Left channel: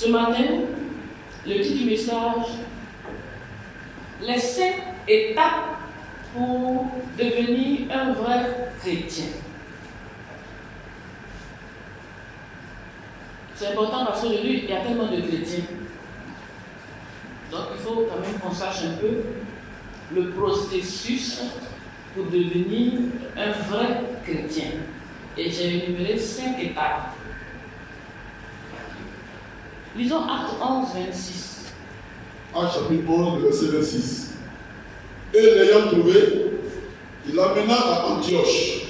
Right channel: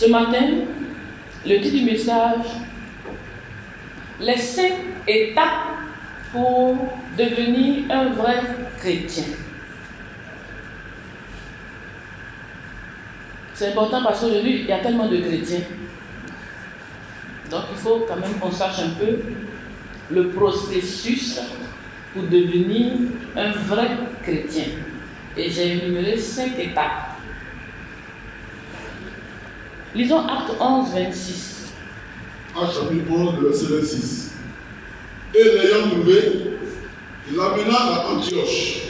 Ce matin, le titre du message, les 5 étapes pour devenir un vrai chrétien. C'est important parce qu'aujourd'hui, il y a tellement de chrétiens. Donc, il faut quand même qu'on sache un peu le processus pour devenir un vrai chrétien. Et j'ai énuméré 5 étapes. Lisons Acte 11, 26. Acte chapitre 11, verset 26. Et l'ayant trouvé, il l'amena à Antioche.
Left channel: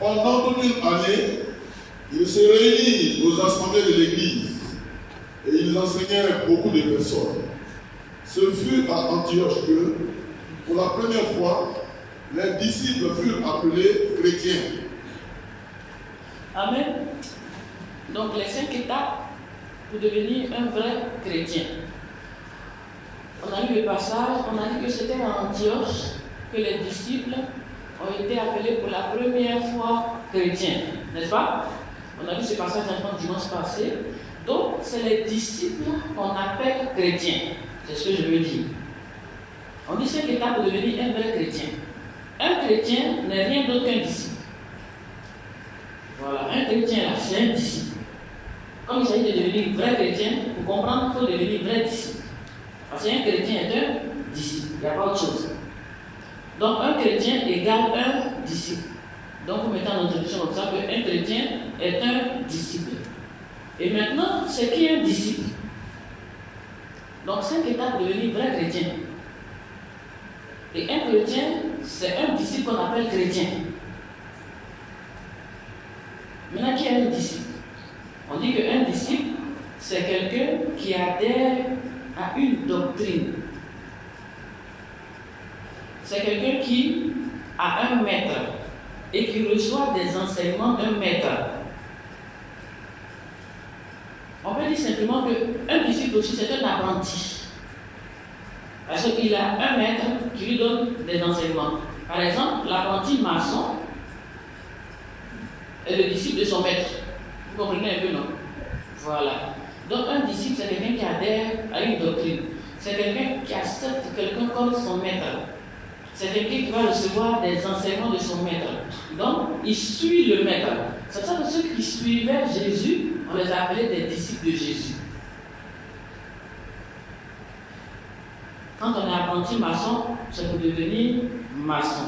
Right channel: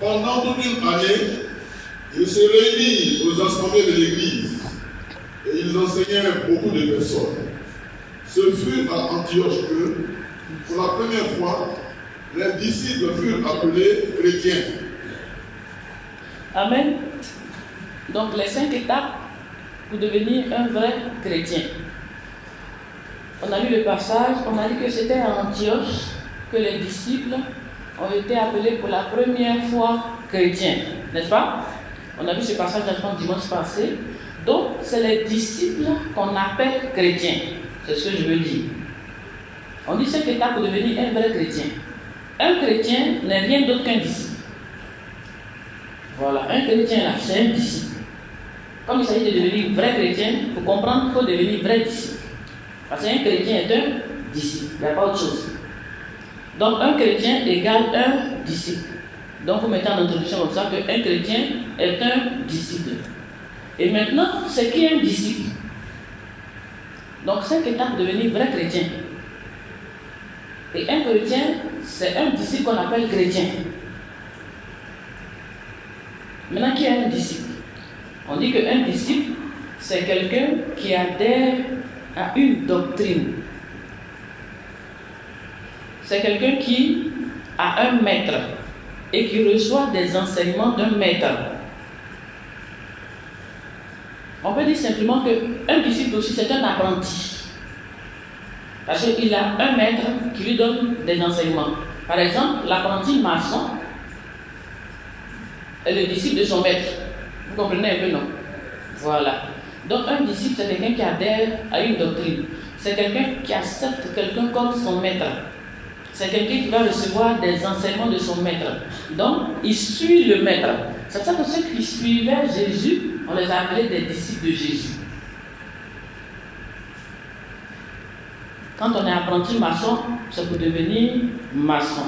Pendant toute une année, il se réunit aux assemblées de l'église et ils enseignaient beaucoup de personnes. Ce fut à Antioche que, pour la première fois, les disciples furent appelés chrétiens. Amen. Donc les 5 étapes pour devenir un vrai chrétien. On a lu le passage, on a dit que c'était à Antioche que les disciples ont été appelés pour la première fois chrétiens, n'est-ce pas? On a vu ce passage dans le dimanche passé. Donc, c'est les disciples qu'on appelle chrétiens. C'est ce que je veux dire. On dit 5 étapes pour devenir un vrai chrétien. Un chrétien n'est rien d'autre qu'un disciple. Voilà, un chrétien là, c'est un disciple. Comme il s'agit de devenir vrai chrétien, pour comprendre, il faut devenir vrai disciple. Parce qu'un chrétien est un disciple, il n'y a pas autre chose. Donc, un chrétien égale un disciple. Donc, vous mettez en introduction comme ça qu'un chrétien est un disciple. Et maintenant, c'est qui un disciple? Donc, 5 étapes pour devenir vrai chrétien. Et un chrétien, c'est un disciple qu'on appelle chrétien. Maintenant, qui est un disciple? On dit qu'un disciple, c'est quelqu'un qui adhère à une doctrine. C'est quelqu'un qui a un maître et qui reçoit des enseignements d'un maître. On peut dire simplement qu'un disciple aussi, c'est un apprenti. Parce qu'il a un maître qui lui donne des enseignements. Par exemple, l'apprenti maçon est le disciple de son maître. Vous comprenez un peu, non? Voilà. Donc, un disciple, c'est quelqu'un qui adhère à une doctrine. C'est quelqu'un qui accepte quelqu'un comme son maître. C'est quelqu'un qui va recevoir des enseignements de son maître. Donc, il suit le maître. C'est pour ça que ceux qui suivaient Jésus, on les appelait des disciples de Jésus. Quand on est apprenti maçon, c'est pour devenir maçon.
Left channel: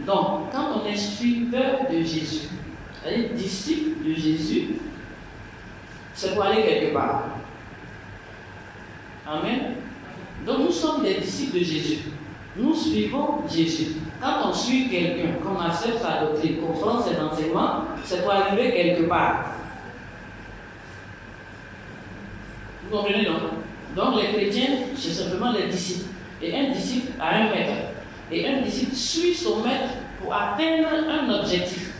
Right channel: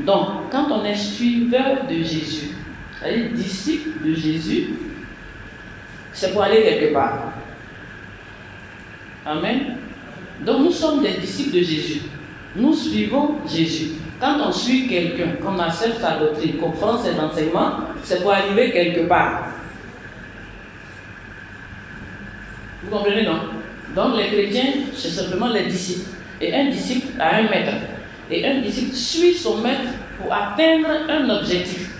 Donc, quand on est suiveur de Jésus, c'est-à-dire disciple de Jésus, c'est pour aller quelque part. Amen. Donc, nous sommes des disciples de Jésus. Nous suivons Jésus. Quand on suit quelqu'un, qu'on accepte sa doctrine, qu'on prend ses enseignements, c'est pour arriver quelque part. Vous comprenez, non? Donc les chrétiens, c'est simplement les disciples. Et un disciple a un maître. Et un disciple suit son maître pour atteindre un objectif.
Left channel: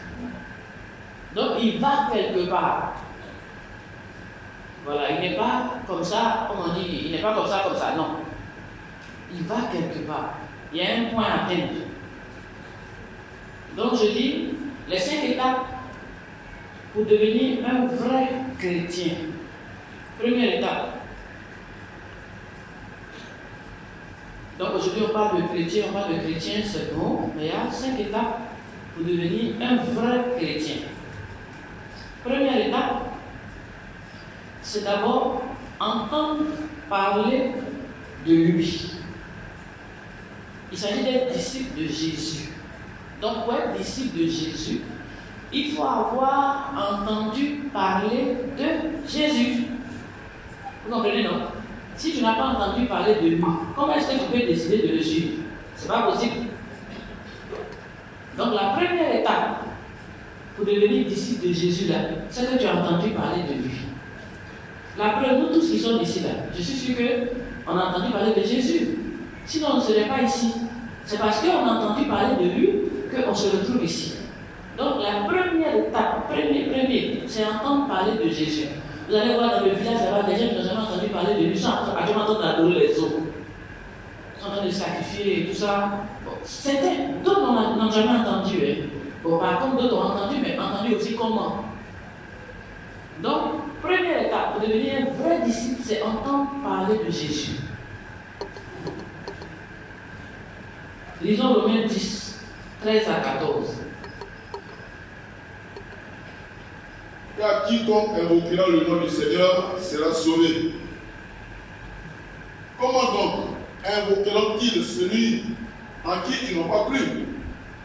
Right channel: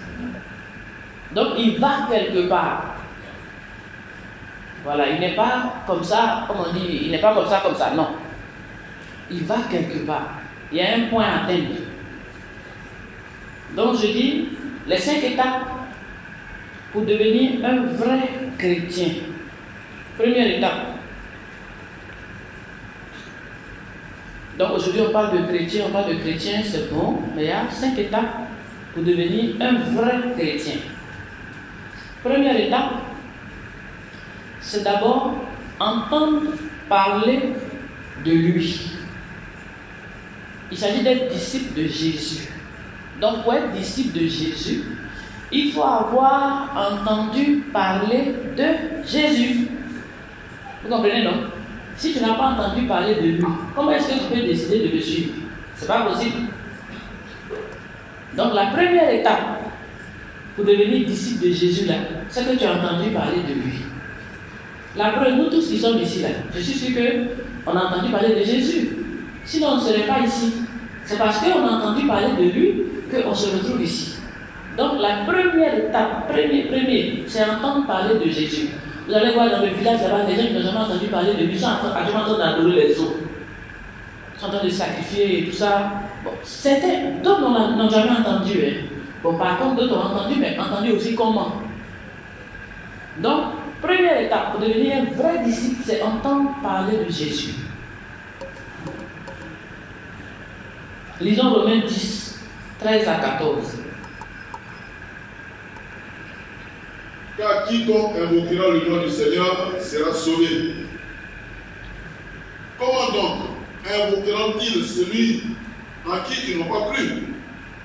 Donc il va quelque part. Voilà, il n'est pas comme ça, comme on dit, il n'est pas comme ça, non. Il va quelque part. Il y a un point à atteindre. Donc je dis, les 5 étapes pour devenir un vrai chrétien. Première étape. Donc aujourd'hui on parle de chrétien, c'est bon, mais il y a 5 étapes pour devenir un vrai chrétien. Première étape, c'est d'abord entendre parler de lui. Il s'agit d'être disciple de Jésus. Donc pour être disciple de Jésus, il faut avoir entendu parler de Jésus. Vous comprenez, non? Si tu n'as pas entendu parler de lui, comment est-ce que tu peux décider de le suivre? Ce n'est pas possible. Donc la première étape pour devenir disciple de Jésus, là, c'est que tu as entendu parler de lui. La preuve, nous tous qui sommes ici, là, je suis sûr qu'on a entendu parler de Jésus. Sinon, on ne serait pas ici. C'est parce qu'on a entendu parler de lui qu'on se retrouve ici. Donc la première étape, c'est entendre parler de Jésus. Vous allez voir dans le village, il y a des gens qui n'ont jamais entendu parler de lui, ils sont en train d'adorer les eaux. Ils sont en train de sacrifier et tout ça. Bon, certains, d'autres n'ont jamais entendu. Hein. Bon, par contre, d'autres ont entendu, mais entendu aussi comment. Donc, Première étape pour devenir un vrai disciple, c'est entendre parler de Jésus. Lisons Romains 10, 13 à 14. Car quiconque invoquera le nom du Seigneur sera sauvé. Comment donc invoqueront-ils celui en qui ils n'ont pas cru?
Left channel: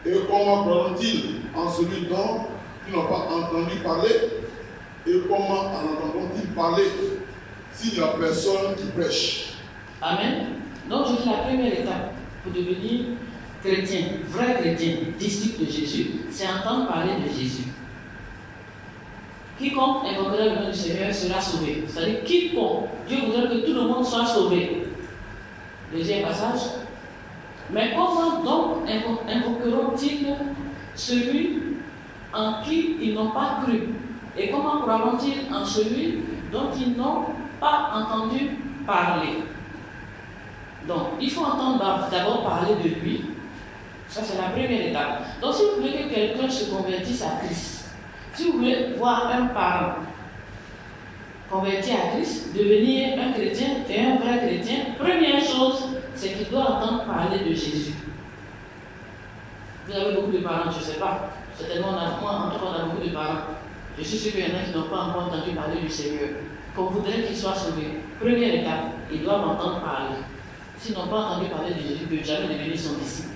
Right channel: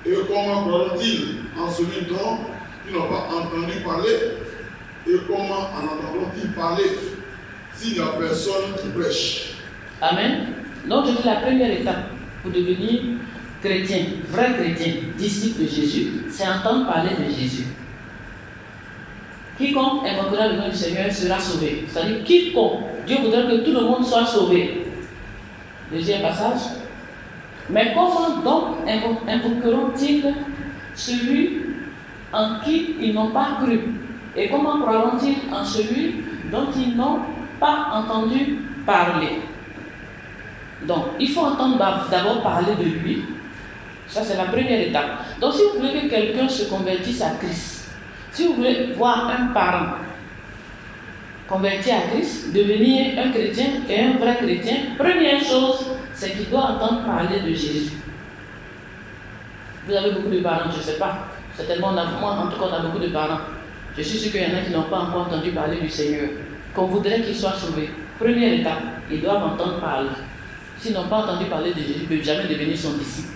Et comment croiront-ils en celui dont ils n'ont pas entendu parler? Et comment en entendront-ils parler s'il n'y a personne qui prêche? Amen. Donc je dis la première étape pour devenir chrétien, vrai chrétien, disciple de Jésus, c'est entendre parler de Jésus. Quiconque invoquera le nom du Seigneur sera sauvé. C'est-à-dire quiconque, Dieu voudrait que tout le monde soit sauvé. Deuxième passage. Mais comment donc invoqueront-ils celui en qui ils n'ont pas cru? Et comment croiront-ils en celui dont ils n'ont pas entendu parler? Donc, il faut entendre d'abord parler de lui. Ça, c'est la première étape. Donc, si vous voulez que quelqu'un se convertisse à Christ, si vous voulez voir un parent converti à Christ, devenir un chrétien et un vrai chrétien, première chose, c'est qu'il doit entendre parler de Jésus. Vous avez beaucoup de parents, je ne sais pas. Certainement, moi, en tout cas, on a beaucoup de parents. Je suis sûr qu'il y en a qui n'ont pas encore entendu parler du Seigneur. Qu'on voudrait qu'ils soient sauvés. Première étape, ils doivent entendre parler. S'ils n'ont pas entendu parler de Jésus, ils ne peuvent jamais devenir son disciple.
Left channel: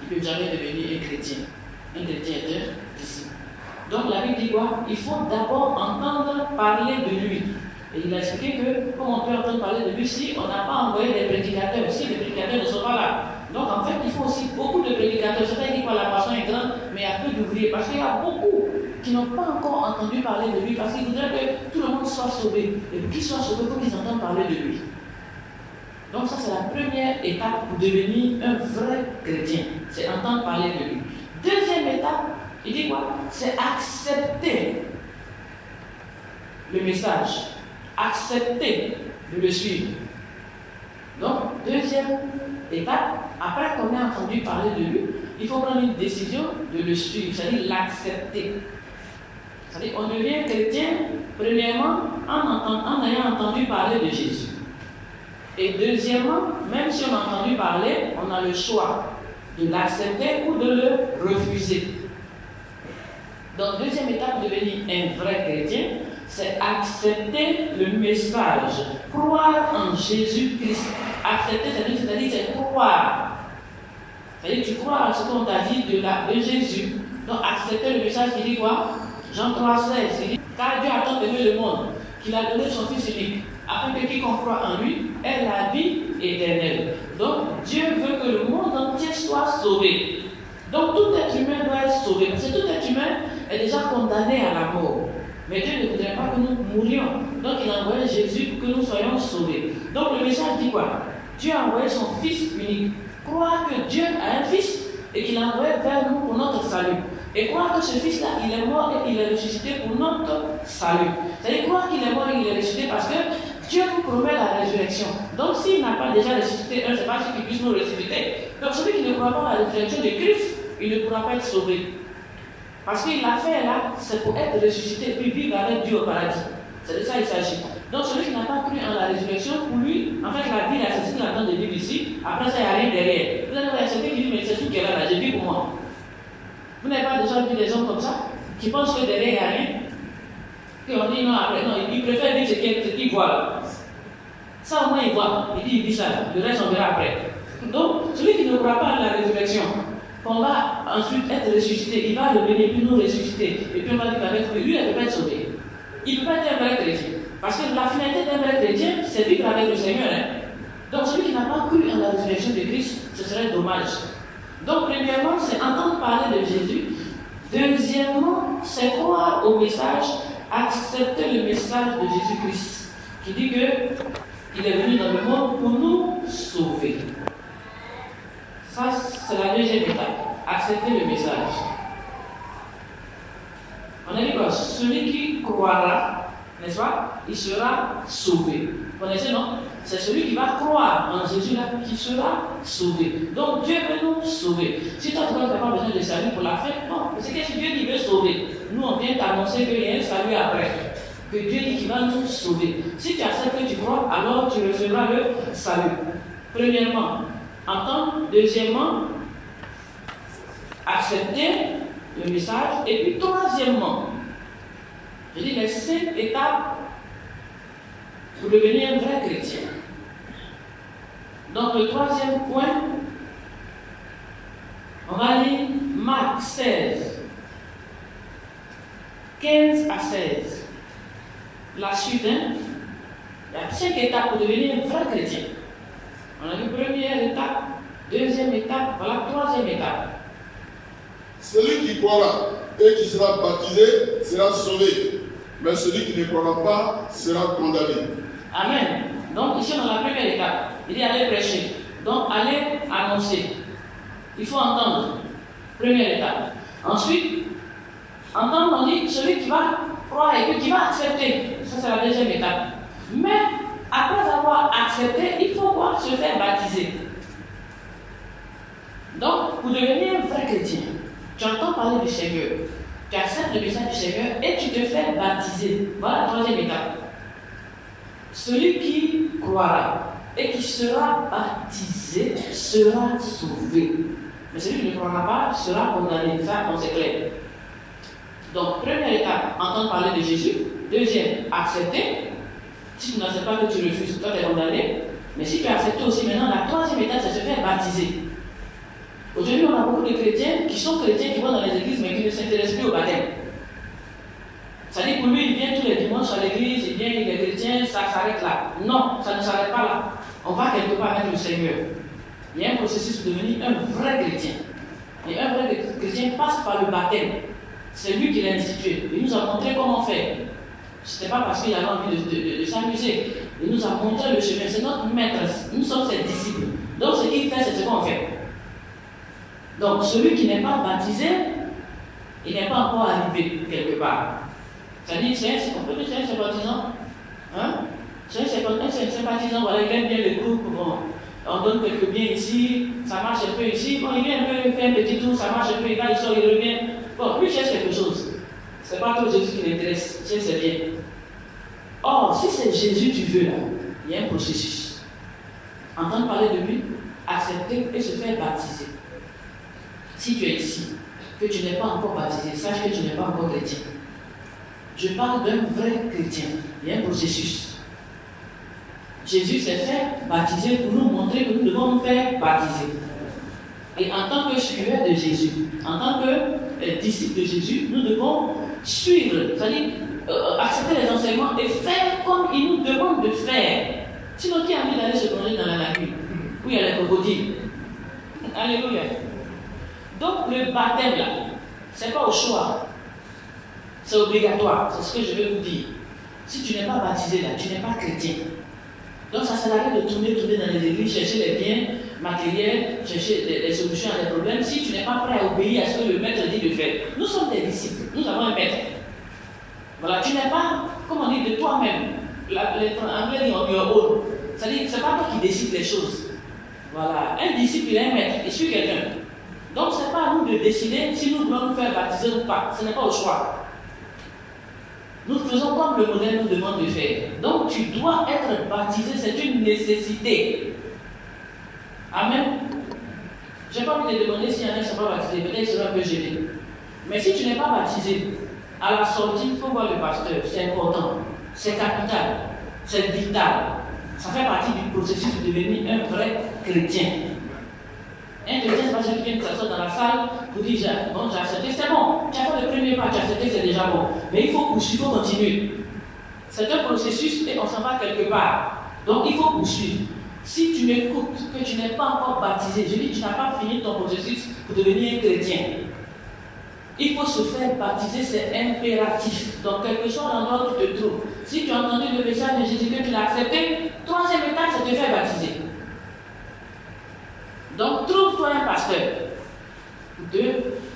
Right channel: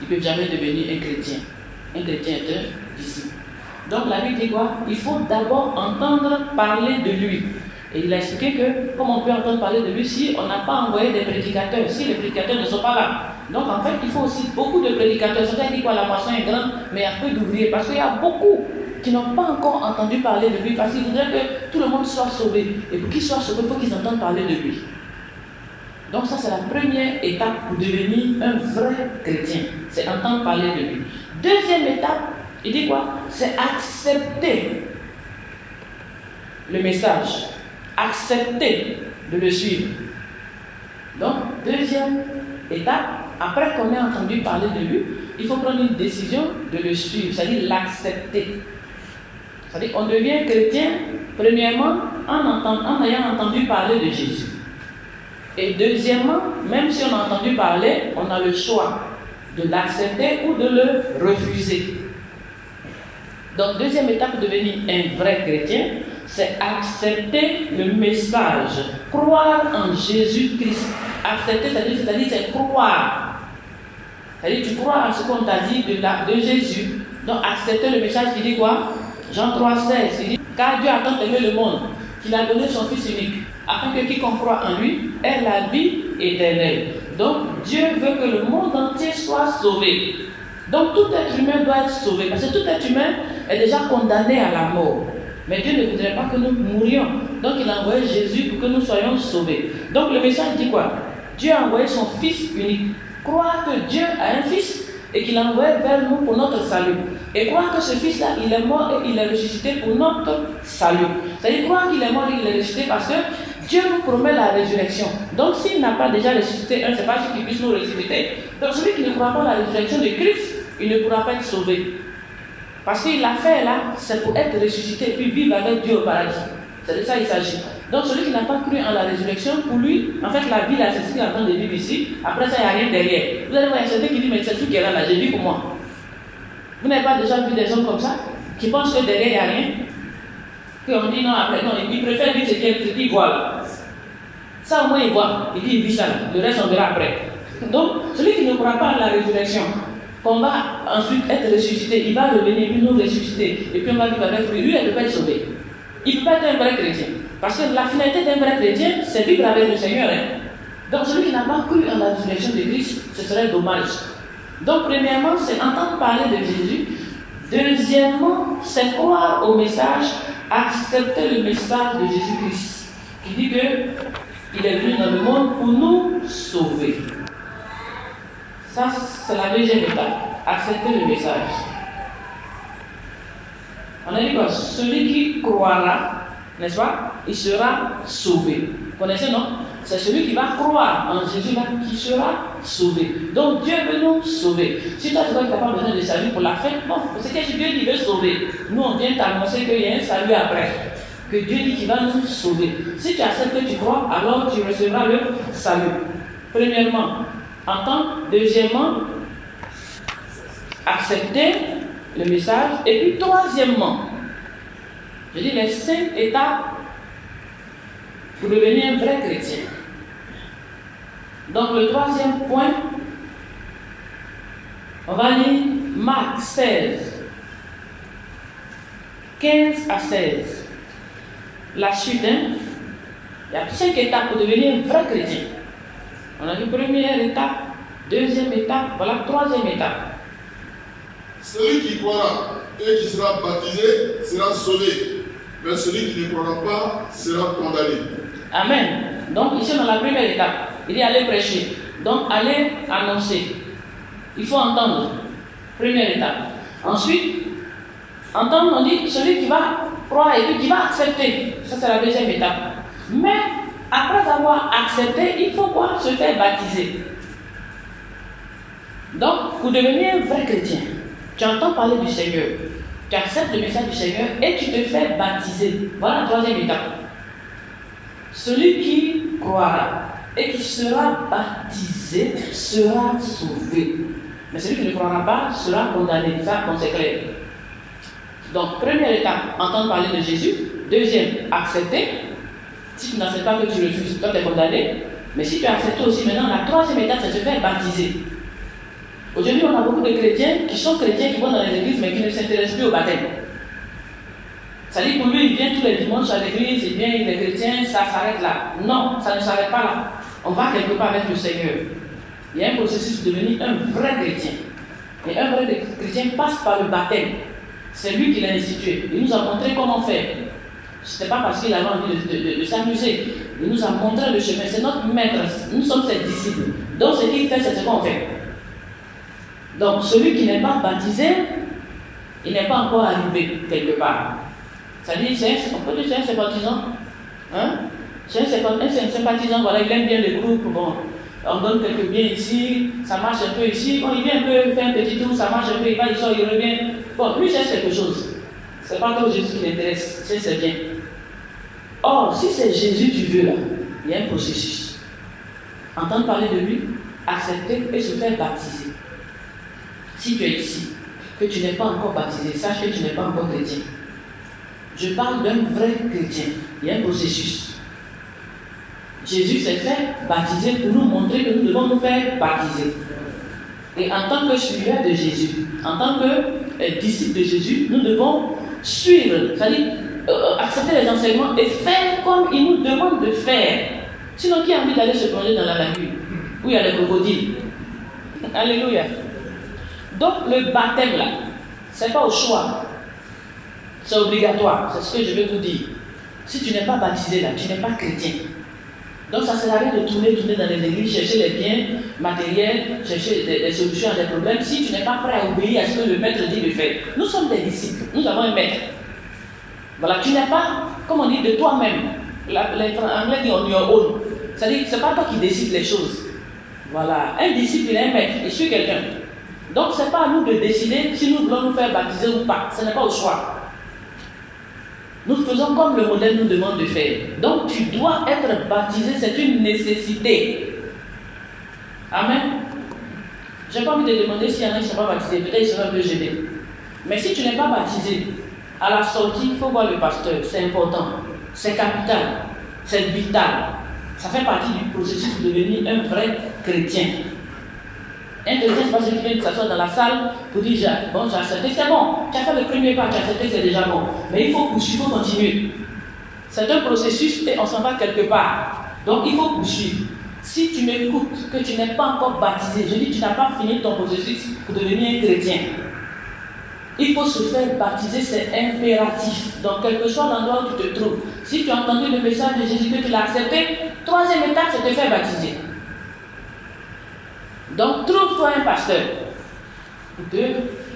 Ils ne peuvent jamais devenir un chrétien. Un chrétien est un disciple. Donc la Bible dit quoi? Il faut d'abord entendre parler de lui. Et il a expliqué que, comme on peut entendre parler de lui si on n'a pas envoyé des prédicateurs, si les prédicateurs ne sont pas là. Donc en fait, il faut aussi beaucoup de prédicateurs. C'est-à-dire dit quoi? La moisson est grande, mais il y a peu d'ouvriers. Parce qu'il y a beaucoup qui n'ont pas encore entendu parler de lui. Parce qu'ils voudraient que tout le monde soit sauvé. Et pour qu'ils soient sauvés, il faut qu'ils entendent parler de lui. Donc ça, c'est la première étape pour devenir un vrai chrétien. C'est entendre parler de lui. Deuxième étape, il dit quoi? C'est accepter le message. Accepter de le suivre. Donc, deuxième étape, après qu'on ait entendu parler de lui, il faut prendre une décision de le suivre, c'est-à-dire l'accepter. C'est-à-dire qu'on devient chrétien, premièrement, en ayant entendu parler de Jésus. Et deuxièmement, même si on a entendu parler, on a le choix de l'accepter ou de le refuser. Donc, deuxième étape pour devenir un vrai chrétien, c'est accepter le message, croire en Jésus-Christ. Accepter, c'est-à-dire c'est croire. C'est-à-dire tu crois à ce qu'on t'a dit de Jésus. Donc, accepter le message qui dit quoi? Jean 3,16, il dit, car Dieu a tant aimé le monde qu'il a donné son Fils unique, afin que quiconque croit en lui ait la vie éternelle. Donc, Dieu veut que le monde entier soit sauvé. Donc, tout être humain doit être sauvé, parce que tout être humain est déjà condamné à la mort. Mais Dieu ne voudrait pas que nous mourions. Donc, il a envoyé Jésus pour que nous soyons sauvés. Donc, le message dit quoi? Dieu a envoyé son Fils unique. Croire que Dieu a un Fils et qu'il l'a envoyé vers nous pour notre salut. Et croire que ce Fils-là, il est mort et il est ressuscité pour notre salut. C'est-à-dire croire qu'il est mort et qu'il est ressuscité parce que Dieu nous promet la résurrection. Donc s'il n'a pas déjà ressuscité, c'est pas sûr qu'il puisse nous ressusciter. Donc celui qui ne croit pas à la résurrection de Christ, il ne pourra pas être sauvé. Parce qu'il l'a fait là, c'est pour être ressuscité et puis vivre avec Dieu au paradis. C'est de ça qu'il s'agit. Donc celui qui n'a pas cru en la résurrection, pour lui, en fait la vie là, c'est ce qu'il est en train de vivre ici. Après ça, il n'y a rien derrière. Vous allez voir, il y a certains qui disent, mais c'est tout qui est là, j'ai vu pour moi. Vous n'avez pas déjà vu des gens comme ça, qui pensent que derrière il n'y a rien, qu'on dit non, après, non, ils préfèrent vivre ce qu'ils voient là. Ça au moins il voit, il dit il vit ça, le reste on verra après. Donc, celui qui ne croit pas à la résurrection, qu'on va ensuite être ressuscité, il va revenir, puis nous ressusciter, et puis on va vivre avec lui, lui il ne peut pas être sauvé. Il ne peut pas être un vrai chrétien. Parce que la finalité d'un vrai chrétien, c'est vivre avec le Seigneur. Hein? Donc celui qui n'a pas cru en la résurrection de Christ, ce serait dommage. Donc premièrement, c'est entendre parler de Jésus. Deuxièmement, c'est croire au message, accepter le message de Jésus-Christ, qui dit qu'il est venu dans le monde pour nous sauver. Ça, c'est la deuxième étape, accepter le message. On a dit quoi? Celui qui croira, n'est-ce pas, il sera sauvé. Vous connaissez, non? C'est celui qui va croire en Jésus là qui sera sauvé. Donc Dieu veut nous sauver. Si toi tu n'as pas besoin de salut pour la fête, non, c'est que Dieu qui veut sauver. Nous on vient t'annoncer qu'il y a un salut après. que Dieu dit qu'il va nous sauver. Si tu acceptes que tu crois, alors tu recevras le salut. Premièrement, entendre. Deuxièmement, accepter le message. Et puis troisièmement, je dis les 5 étapes pour devenir un vrai chrétien. Donc le troisième point, on va lire Marc 16, 15 à 16. La suite, il y a 5 étapes pour devenir un vrai chrétien. On a vu première étape, deuxième étape, voilà troisième étape. Celui qui croira et qui sera baptisé sera sauvé, mais celui qui ne croira pas sera condamné. Amen. Donc ici dans la première étape, il dit aller prêcher. Donc aller annoncer. Il faut entendre. Première étape. Ensuite, entendre, on dit celui qui va croire et qui va accepter. Ça c'est la deuxième étape. Mais après avoir accepté, il faut quoi? Se faire baptiser. Donc, pour devenir un vrai chrétien, tu entends parler du Seigneur, tu acceptes le message du Seigneur et tu te fais baptiser. Voilà la troisième étape. Celui qui croira et qui sera baptisé sera sauvé. Mais celui qui ne croira pas sera condamné. Ça, c'est clair. Donc, première étape, entendre parler de Jésus. Deuxième, accepter. Si tu n'acceptes pas que tu refuses, toi tu es condamné. Mais si tu acceptes aussi maintenant, la troisième étape, c'est de se faire baptiser. Aujourd'hui, on a beaucoup de chrétiens qui sont chrétiens, qui vont dans les églises, mais qui ne s'intéressent plus au baptême. Ça dit pour lui, il vient tous les dimanches à l'église, il vient, il est chrétien, ça s'arrête là. Non, ça ne s'arrête pas là. On va quelque part avec le Seigneur. Il y a un processus pour devenir un vrai chrétien. Et un vrai chrétien passe par le baptême. C'est lui qui l'a institué. Il nous a montré comment faire. Ce n'était pas parce qu'il avait envie de s'amuser. Il nous a montré le chemin. C'est notre maître. Nous sommes ses disciples. Donc ce qu'il fait, c'est ce qu'on fait. Donc celui qui n'est pas baptisé, il n'est pas encore arrivé quelque part. Ça dit, on peut dire c'est un sympathisant. Hein? C'est un sympathisant, voilà, il aime bien les groupes. Bon, on donne quelques biens ici, ça marche un peu ici. Bon, il vient un peu faire un petit tour, ça marche un peu, il va, il sort, il revient. Bon, lui cherche quelque chose. Ce n'est pas que Jésus qui l'intéresse, c'est bien. Or, si c'est Jésus tu veux là, il y a un processus. Entendre parler de lui, accepter et se faire baptiser. Si tu es ici, que tu n'es pas encore baptisé, sache que tu n'es pas encore chrétien. Je parle d'un vrai chrétien. Il y a un processus. Jésus s'est fait baptiser pour nous montrer que nous devons nous faire baptiser. Et en tant que suiveur de Jésus, en tant que disciple de Jésus, nous devons suivre, c'est-à-dire accepter les enseignements et faire comme il nous demande de faire. Sinon, qui a envie d'aller se plonger dans la lagune où il y a les crocodiles? Alléluia. Donc, le baptême là, c'est pas au choix. C'est obligatoire, c'est ce que je vais vous dire. Si tu n'es pas baptisé là, tu n'es pas chrétien. Donc ça sert à rien de tourner dans les églises, chercher les biens matériels, chercher des solutions à des problèmes, si tu n'es pas prêt à obéir à ce que le maître dit de faire. Nous sommes des disciples, nous avons un maître. Voilà, tu n'es pas, comme on dit, de toi-même. Les Anglais disent on your own. C'est-à-dire, ce n'est pas toi qui décides les choses. Voilà, un disciple, il est un maître, il suit quelqu'un. Donc ce n'est pas à nous de décider si nous devons nous faire baptiser ou pas, ce n'est pas au choix. Nous faisons comme le modèle nous demande de faire. Donc tu dois être baptisé, c'est une nécessité. Amen. Je n'ai pas envie de demander s'il y en a qui ne sont pas baptisés, peut-être ils seront un peu gênés. Mais si tu n'es pas baptisé, à la sortie, il faut voir le pasteur, c'est important, c'est capital, c'est vital. Ça fait partie du processus de devenir un vrai chrétien. Un chrétien, c'est pas celui qui vient de s'asseoir dans la salle pour dire bon, j'ai accepté, c'est bon, tu as fait le premier pas, tu as accepté, c'est déjà bon. Mais il faut poursuivre, il faut continuer. C'est un processus et on s'en va quelque part. Donc il faut poursuivre. Si tu m'écoutes, que tu n'es pas encore baptisé, je dis tu n'as pas fini ton processus pour devenir un chrétien. Il faut se faire baptiser, c'est impératif. Donc quel que soit l'endroit où tu te trouves, si tu as entendu le message de Jésus que tu l'as accepté, troisième étape, c'est de te faire baptiser. Donc, trouve-toi un pasteur pour te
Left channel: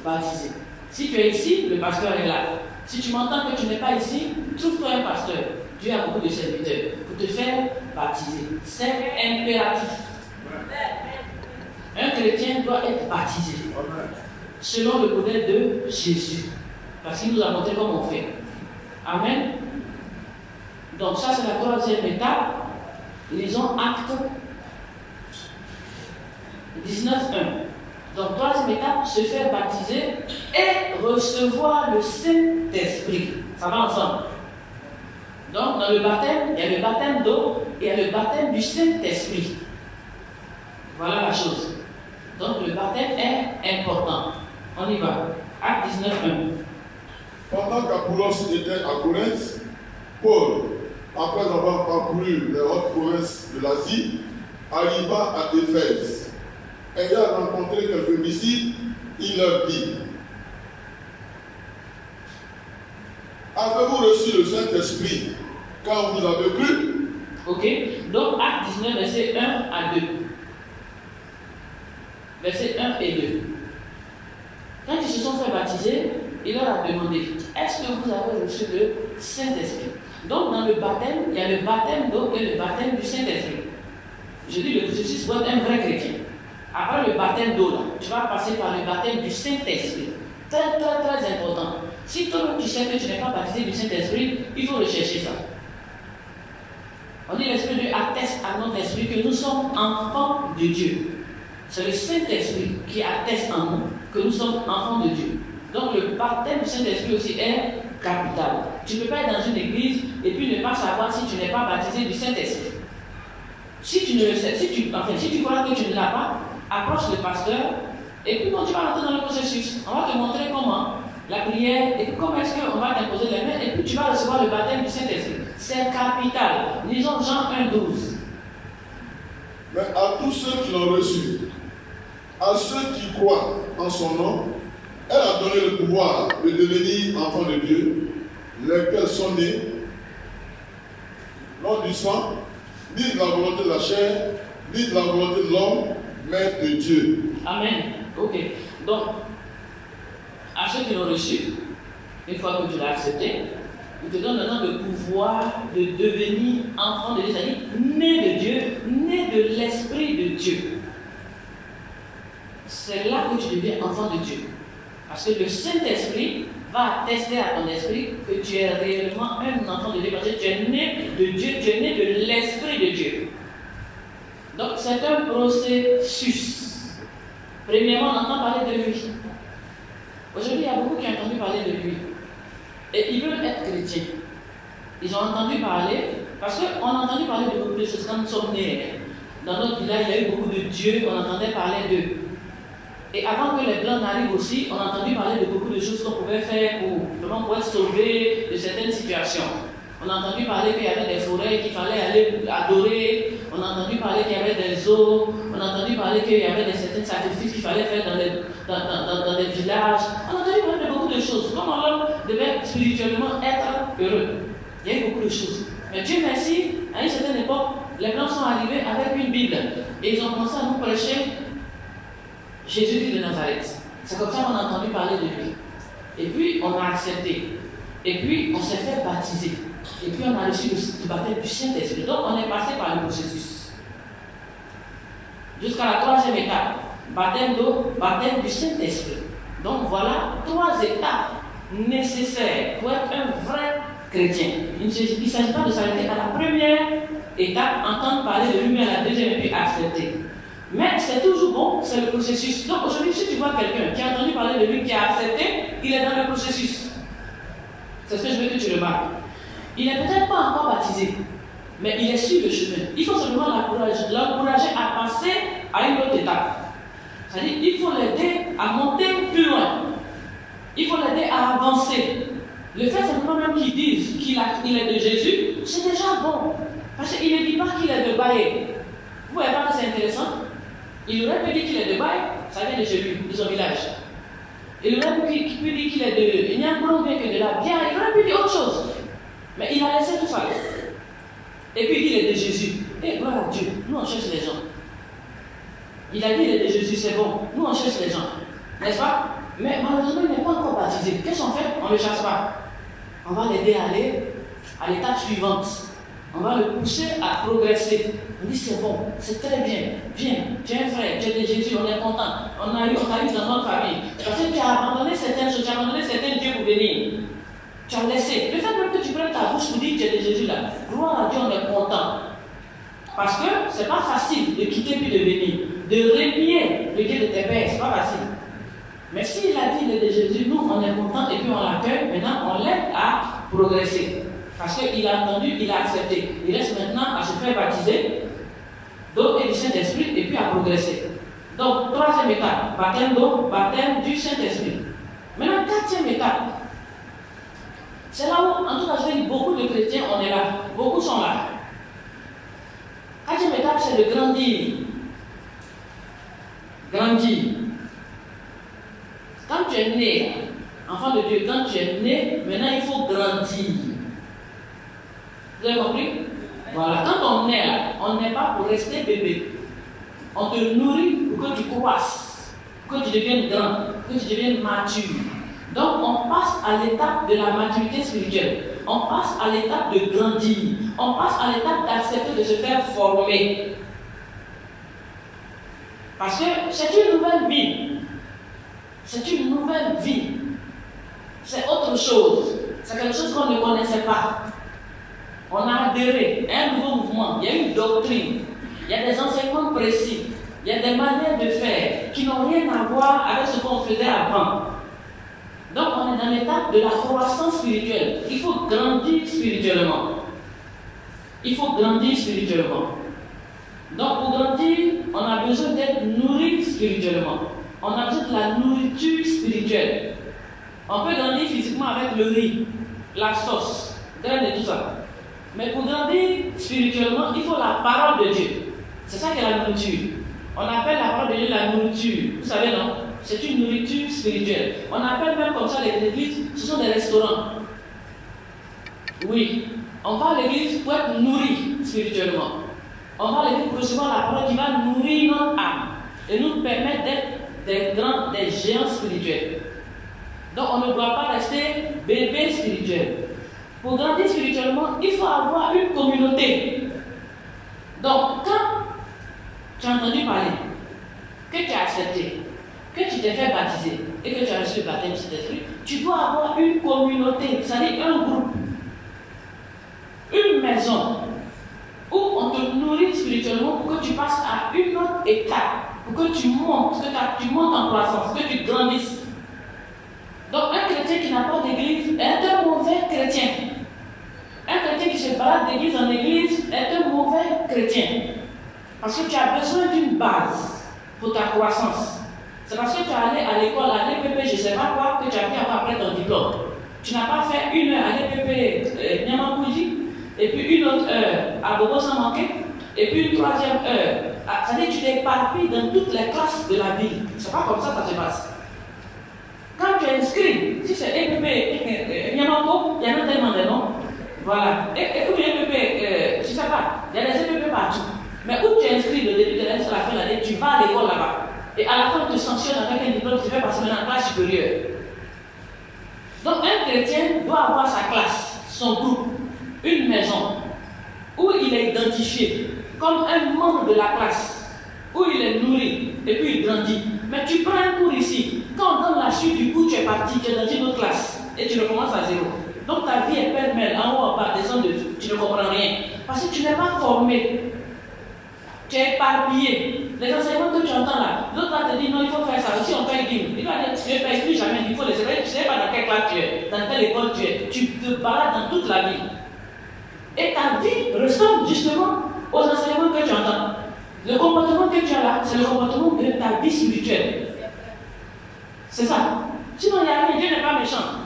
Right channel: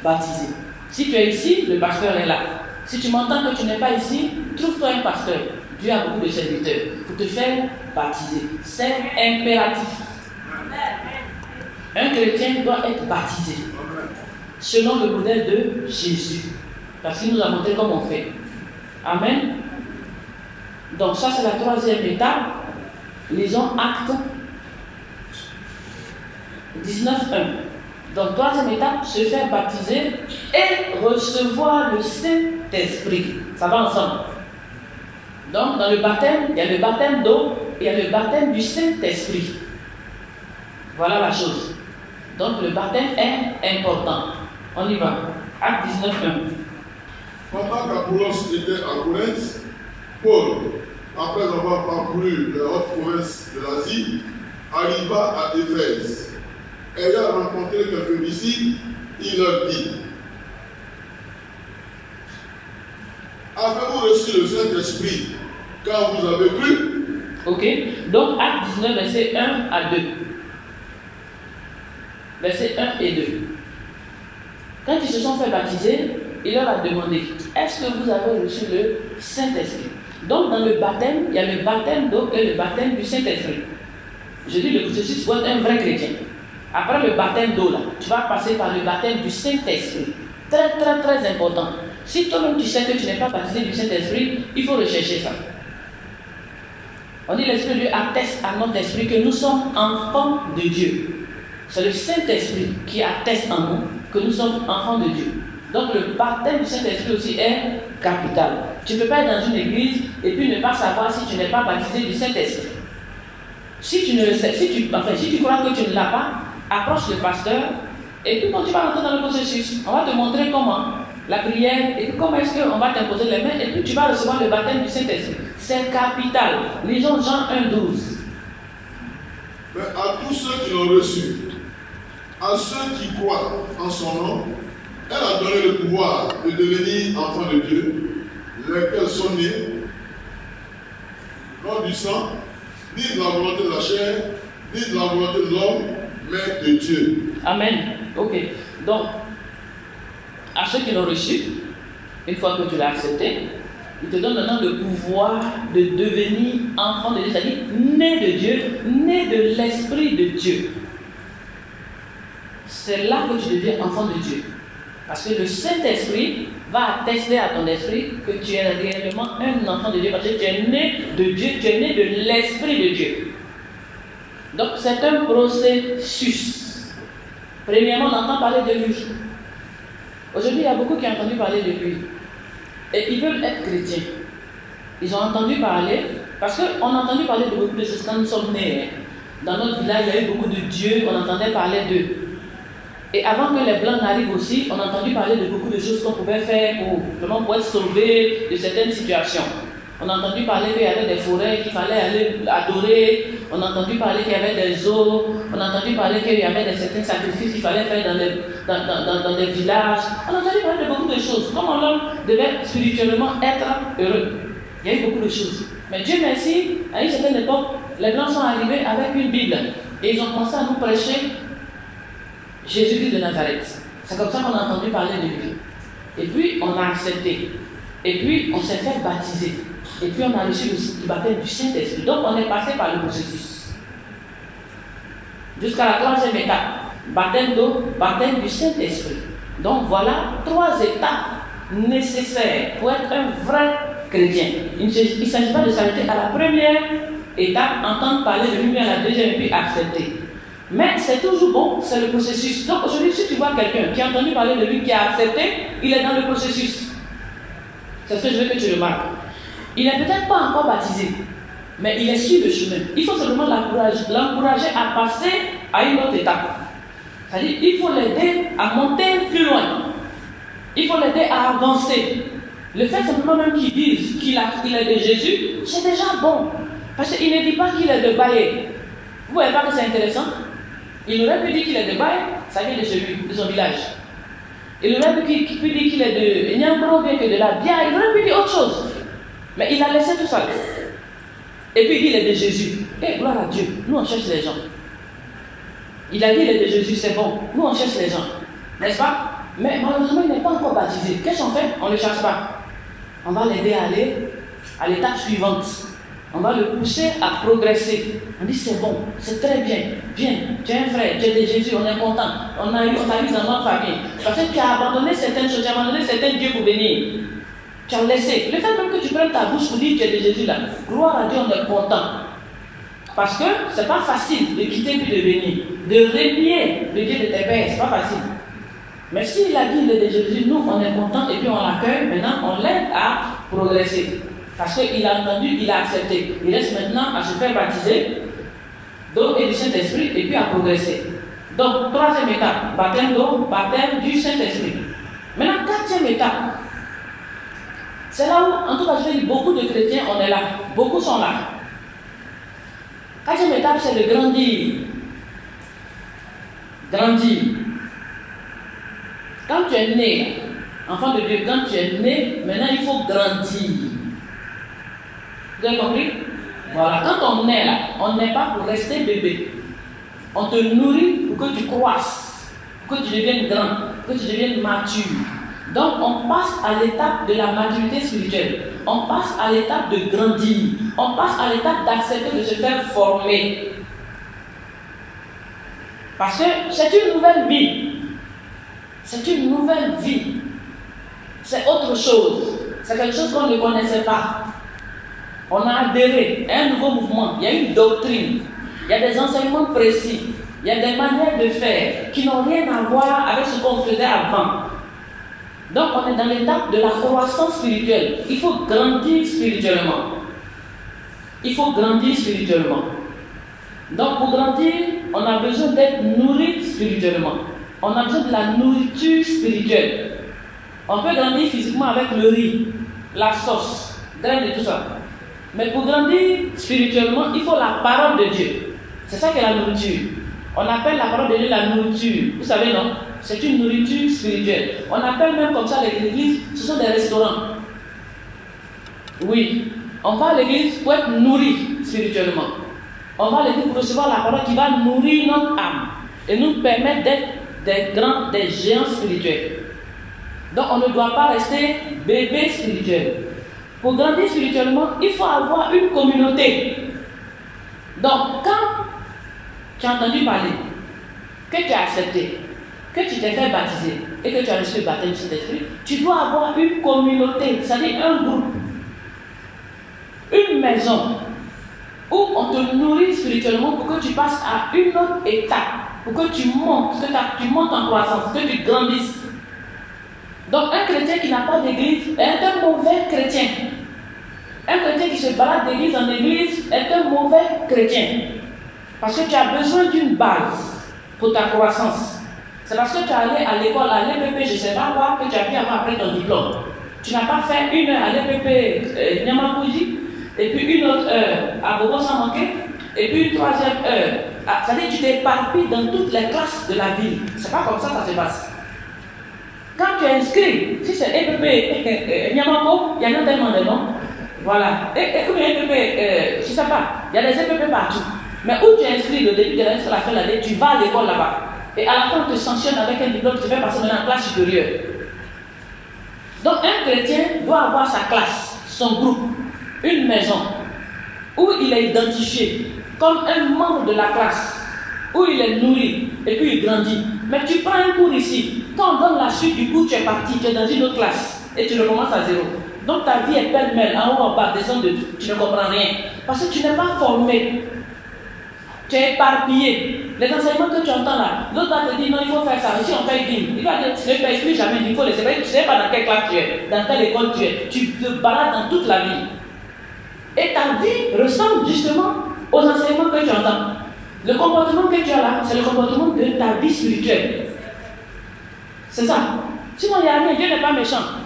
baptiser. Si tu es ici, le pasteur est là. Si tu m'entends que tu n'es pas ici, trouve-toi un pasteur. Dieu a beaucoup de serviteurs pour te faire baptiser. C'est impératif. Un chrétien doit être baptisé selon le modèle de Jésus. Parce qu'il nous a montré comment on fait. Amen. Donc ça c'est la troisième étape. Lisons Actes 19.1. Donc troisième étape, se faire baptiser et recevoir le Saint-Esprit. Ça va ensemble. Donc dans le baptême, il y a le baptême d'eau et il y a le baptême du Saint-Esprit. Voilà la chose. Donc le baptême est important. On y va. Acte 19.1. Pendant qu'Apollos était à Corinthe, Paul, après avoir parcouru les hautes provinces de l'Asie, arriva à Éphèse. Ayant rencontré quelques disciples, il leur dit: avez-vous reçu le Saint-Esprit quand vous avez cru? Ok, donc Acte 19, verset 1 à 2. Verset 1 et 2. Quand ils se sont fait baptiser, il leur a demandé: est-ce que vous avez reçu le Saint-Esprit? Donc dans le baptême, il y a le baptême d'eau et le baptême du Saint-Esprit. Je dis le processus pour être un vrai chrétien. Après le baptême d'eau, là, tu vas passer par le baptême du Saint-Esprit. Très, très, très important. Si toi-même tu sais que tu n'es pas baptisé du Saint-Esprit, il faut rechercher ça. On dit l'Esprit de Dieu atteste à notre esprit que nous sommes enfants de Dieu. C'est le Saint-Esprit qui atteste en nous que nous sommes enfants de Dieu. Donc le baptême du Saint-Esprit aussi est capital. Tu ne peux pas être dans une église et puis ne pas savoir si tu n'es pas baptisé du Saint-Esprit. Si tu ne le sais, si tu crois que tu ne l'as pas, approche le pasteur et puis quand tu vas rentrer dans le processus, on va te montrer comment la prière et comment est-ce qu'on va t'imposer les mains et puis tu vas recevoir le baptême du Saint-Esprit. C'est capital. Lisons Jean 1,12. Mais à tous ceux qui l'ont reçu, à ceux qui croient en son nom, elle a donné le pouvoir de devenir enfants de Dieu, lesquels sont nés, non du sang, ni de la volonté de la chair, ni de la volonté de l'homme, mais de Dieu. Amen. Ok. Donc, à ceux qui l'ont reçu, une fois que tu l'as accepté, il te donne maintenant le pouvoir de devenir enfant de Dieu, c'est-à-dire né de Dieu, né de l'Esprit de Dieu. C'est là que tu deviens enfant de Dieu. Parce que le Saint-Esprit va attester à ton esprit que tu es réellement un enfant de Dieu, parce que tu es né de Dieu, tu es né de l'Esprit de Dieu. Donc c'est un processus. Premièrement, on entend parler de lui. Aujourd'hui, il y a beaucoup qui ont entendu parler de lui. Et ils veulent être chrétiens. Ils ont entendu parler, parce qu'on a entendu parler de beaucoup de choses quand nous sommes nés. Dans notre village, il y a eu beaucoup de dieux, on entendait parler d'eux. Et avant que les Blancs n'arrivent aussi, on a entendu parler de beaucoup de choses qu'on pouvait faire pour être sauvés de certaines situations. On a entendu parler qu'il y avait des forêts qu'il fallait aller adorer. On a entendu parler qu'il y avait des eaux. On a entendu parler qu'il y avait certains sacrifices qu'il fallait faire dans des villages. On a entendu parler de beaucoup de choses. Comment l'homme devait spirituellement être heureux. Il y a eu beaucoup de choses. Mais Dieu merci, à une certaine époque, les Blancs sont arrivés avec une Bible. Et ils ont commencé à nous prêcher Jésus-Christ de Nazareth. C'est comme ça qu'on a entendu parler de lui. Et puis, on a accepté. Et puis, on s'est fait baptiser. Et puis, on a reçu le baptême du Saint-Esprit. Donc, on est passé par le processus. Jusqu'à la troisième étape. Baptême d'eau, baptême du Saint-Esprit. Donc, voilà 3 étapes nécessaires pour être un vrai chrétien. Il ne s'agit pas de s'arrêter à la première étape, entendre parler de lui, à la deuxième, et puis accepter. Mais c'est toujours bon, c'est le processus. Donc aujourd'hui, si tu vois quelqu'un qui a entendu parler de lui, qui a accepté, il est dans le processus. C'est ce que je veux que tu remarques. Il n'est peut-être pas encore baptisé, mais il est sur le chemin. Il faut simplement l'encourager à passer à une autre étape. C'est-à-dire, il faut l'aider à monter plus loin. Il faut l'aider à avancer. Le fait simplement même qu'il dise qu'il est de Jésus, c'est déjà bon. Parce qu'il ne dit pas qu'il est de Baye. Vous ne voyez pas que c'est intéressant? Il aurait pu dire qu'il est de Baye, ça vient de chez lui, de son village. Il aurait pu dire qu'il est de Nyambro, bien que de la Bia, il aurait pu dire autre chose. Mais il a laissé tout ça. Et puis il dit qu'il est de Jésus. Et gloire à Dieu, nous on cherche les gens. Il a dit qu'il est de Jésus, c'est bon. Nous on cherche les gens. N'est-ce pas? Mais malheureusement, il n'est pas encore baptisé. Qu'est-ce qu'on fait? On ne le cherche pas. On va l'aider à aller à l'étape suivante. On va le pousser à progresser. On dit c'est bon, c'est très bien. Viens, tu es un frère, tu es de Jésus, on est content. On a eu dans notre famille. Parce que tu as abandonné certaines choses, tu as abandonné certains dieux pour venir. Tu as laissé. Le fait même que tu prennes ta bouche pour dire que tu es de Jésus là, gloire à Dieu, on est content. Parce que ce n'est pas facile de quitter puis de venir. De renier le Dieu de tes pères, ce n'est pas facile. Mais s'il a dit le de Jésus, nous on est content et puis on l'accueille, maintenant on l'aide à progresser. Parce qu'il a entendu, il a accepté. Il reste maintenant à se faire baptiser, d'eau et du Saint-Esprit, et puis à progresser. Donc, troisième étape, baptême d'eau, baptême du Saint-Esprit. Maintenant, quatrième étape, c'est là où, en tout cas, je vais dire, beaucoup de chrétiens, on est là. Beaucoup sont là. Quatrième étape, c'est de grandir. Grandir. Quand tu es né, enfant de Dieu, quand tu es né, maintenant il faut grandir. Vous avez compris? Voilà, quand on est là, on n'est pas pour rester bébé. On te nourrit pour que tu croisses, pour que tu deviennes grand, pour que tu deviennes mature. Donc on passe à l'étape de la maturité spirituelle. On passe à l'étape de grandir. On passe à l'étape d'accepter de se faire former. Parce que c'est une nouvelle vie. C'est une nouvelle vie. C'est autre chose. C'est quelque chose qu'on ne connaissait pas. On a adhéré à un nouveau mouvement. Il y a une doctrine. Il y a des enseignements précis. Il y a des manières de faire qui n'ont rien à voir avec ce qu'on faisait avant. Donc on est dans l'étape de la croissance spirituelle. Il faut grandir spirituellement. Il faut grandir spirituellement. Donc pour grandir, on a besoin d'être nourri spirituellement. On a besoin de la nourriture spirituelle. On peut grandir physiquement avec le riz, la sauce, graines et tout ça. Mais pour grandir spirituellement, il faut la parole de Dieu. C'est ça qui est la nourriture. On appelle la parole de Dieu la nourriture. Vous savez, non? C'est une nourriture spirituelle. On appelle même comme ça les églises, ce sont des restaurants. Oui, on va à l'église pour être nourri spirituellement. On va à l'église pour recevoir la parole qui va nourrir notre âme et nous permettre d'être des grands, des géants spirituels. Donc on ne doit pas rester bébé spirituel. Pour grandir spirituellement, il faut avoir une communauté. Donc quand tu as entendu parler, que tu as accepté, que tu t'es fait baptiser et que tu as reçu le baptême du Saint-Esprit, tu dois avoir une communauté, c'est-à-dire un groupe, une maison où on te nourrit spirituellement pour que tu passes à une autre étape, pour que tu montes, en croissance, que tu grandisses. Donc un chrétien qui n'a pas d'église est un mauvais chrétien. Un chrétien qui se balade d'église en église est un mauvais chrétien. Parce que tu as besoin d'une base pour ta croissance. C'est parce que tu es allé à l'école, à l'EPP, je ne sais pas quoi, que tu as pu avoir après ton diplôme. Tu n'as pas fait une heure à l'EPP Nyamakuji, et puis une autre heure à Bobo sans manquer, et puis une troisième heure. C'est-à-dire que tu t'es éparpillé dans toutes les classes de la vie. C'est pas comme ça que ça se passe. Quand tu es inscrit, si c'est EPP Nyamako, il y en a tellement de noms. Voilà. Et où EPP, je ne sais pas, il y a des EPP partout. Mais où tu es inscrit le début de l'année jusqu'à la fin de l'année, tu vas à l'école là-bas. Et à la fin, on te sanctionne avec un diplôme qui fait passer maintenant en classe supérieure. Donc un chrétien doit avoir sa classe, son groupe, une maison, où il est identifié comme un membre de la classe, où il est nourri et puis il grandit. Mais tu prends un cours ici, quand on donne la suite du cours, tu es parti, tu es dans une autre classe et tu recommences à zéro. Donc ta vie est pêle-mêle, en haut, en bas, descend de tout, tu ne comprends rien. Parce que tu n'es pas formé, tu es éparpillé. Les enseignements que tu entends là, l'autre va te dire non, il faut faire ça. Ici on paye 10 000. Il va dire ne paye plus jamais, il faut les éveiller. Tu ne sais pas dans quelle classe tu es, dans quelle école tu es. Tu te balades dans toute la vie. Et ta vie ressemble justement aux enseignements que tu entends. Le comportement que tu as là, c'est le comportement de ta vie spirituelle. C'est ça. Sinon, il n'y a rien, Dieu n'est pas méchant.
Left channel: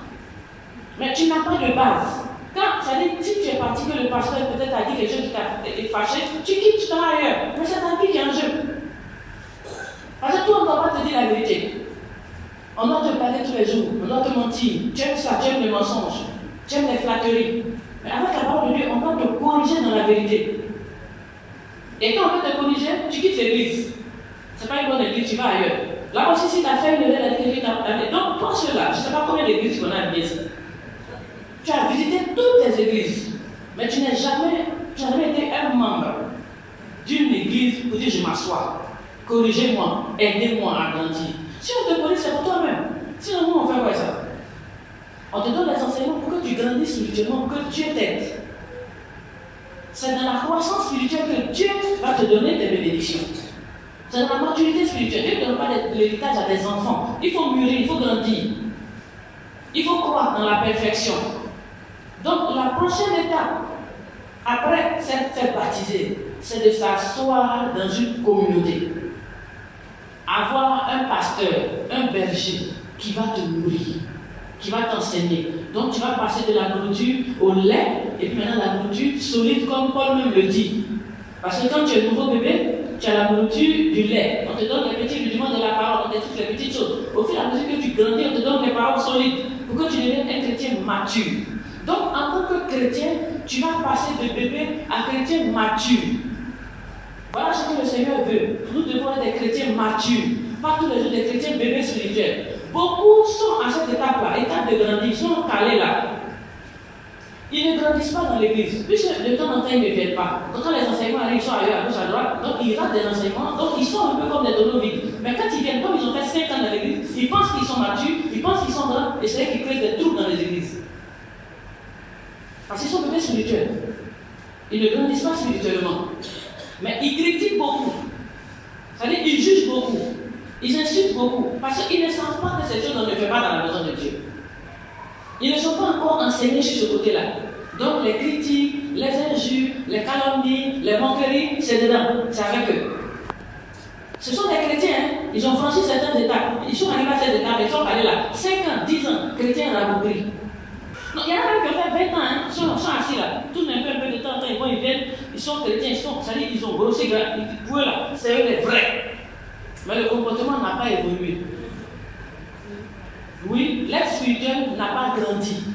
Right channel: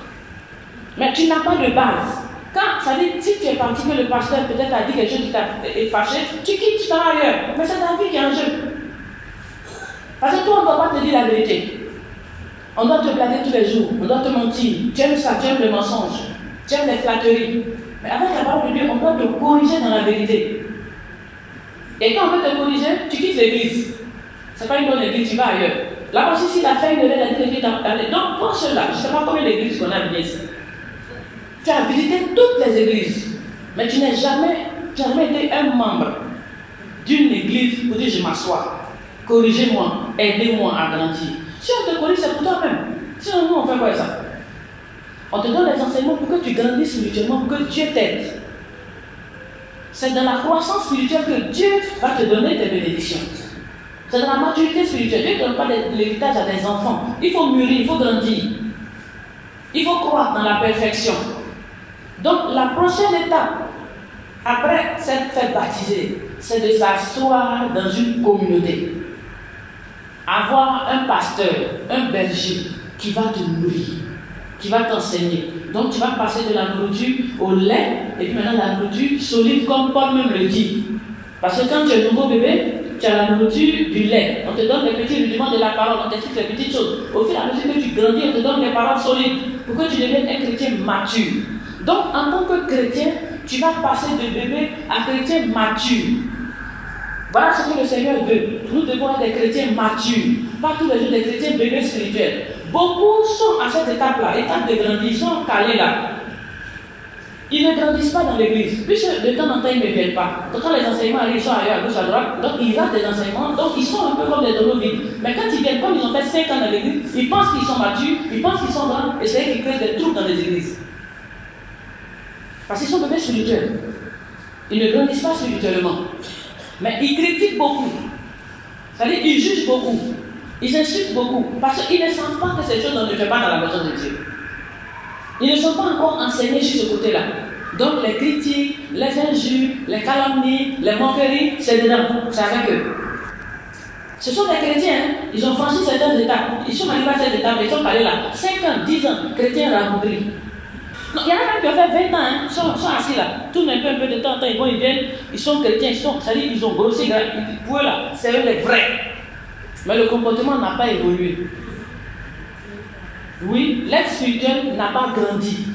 Mais tu n'as pas de base. Quand, ça dit, si tu es parti que le pasteur peut-être a dit quelque chose qui t'a fâché, tu quittes, tu t'en vas ailleurs. Mais c'est ta vie qui est en jeu. Parce que toi, on ne doit pas te dire la vérité. On doit te blaguer tous les jours. On doit te mentir. Tu aimes ça, tu aimes les mensonges. Tu aimes les flatteries. Mais avec la parole de Dieu, on doit te corriger dans la vérité. Et quand on veut te corriger, tu quittes l'église. Ce n'est pas une bonne église, tu vas ailleurs. Là aussi, si tu as fait une erreur, tu as parlé. Donc, pour cela, je ne sais pas combien d'églises qu'on a bien ici. Tu as visité toutes les églises, mais tu n'as jamais été un membre d'une église pour dire je m'assois, corrigez-moi, aidez-moi à grandir. Si on te corrige, c'est pour toi-même. Sinon, nous, on fait quoi ça? On te donne les enseignements pour que tu grandisses spirituellement, pour que Dieu t'aide. C'est dans la croissance spirituelle que Dieu va te donner tes bénédictions. C'est dans la maturité spirituelle. Dieu ne donne pas l'héritage à des enfants. Il faut mûrir, il faut grandir. Il faut croire dans la perfection. Donc la prochaine étape, après s'être fait baptiser, c'est de s'asseoir dans une communauté. Avoir un pasteur, un berger qui va te nourrir, qui va t'enseigner. Donc tu vas passer de la nourriture au lait et puis maintenant la nourriture solide comme Paul même le dit. Parce que quand tu es un nouveau bébé, tu as la nourriture du lait. On te donne les petits rudiments de la parole, on t'explique les petites choses. Au fur et à mesure que tu grandis, on te donne les paroles solides pour que tu deviennes un chrétien mature. Donc en tant que chrétien, tu vas passer de bébé à chrétien mature. Voilà ce que le Seigneur veut. Nous devons être des chrétiens matures, pas tous les jours des chrétiens bébés spirituels. Beaucoup sont à cette étape-là, étape de grandir, ils sont calés là. Ils ne grandissent pas dans l'église, puisque de temps en temps ils ne viennent pas. Donc quand les enseignements arrivent, ils sont ailleurs à gauche, à droite, donc ils ratent des enseignements, donc ils sont un peu comme des tonneaux vides. Mais quand ils viennent, comme ils ont fait 5 ans dans l'église, ils pensent qu'ils sont matures, ils pensent qu'ils sont grands, et c'est eux qui créent des troubles dans les églises. Parce qu'ils sont bébés spirituels. Ils ne grandissent pas spirituellement. Mais ils critiquent beaucoup. C'est-à-dire qu'ils jugent beaucoup. Ils insultent beaucoup. Parce qu'ils ne sentent pas que ces choses ne fait pas dans la maison de Dieu. Ils ne sont pas encore enseignés sur ce côté-là. Donc les critiques, les injures, les calomnies, les moqueries, c'est dedans. C'est avec eux. Ce sont des chrétiens. Hein? Ils ont franchi certaines étapes. Ils sont arrivés à cette étape. Ils sont allés là. 5 ans, 10 ans, chrétiens rabougris. Il y en a même qui ont fait 20 ans, hein, ils sont assis là, tournent un peu de temps en temps, ils vont, ils viennent, ils sont chrétiens, c'est-à-dire ils ont grossi, pour eux là, c'est eux les vrais. Mais le comportement n'a pas évolué. Oui, l'être spirituel n'a pas grandi.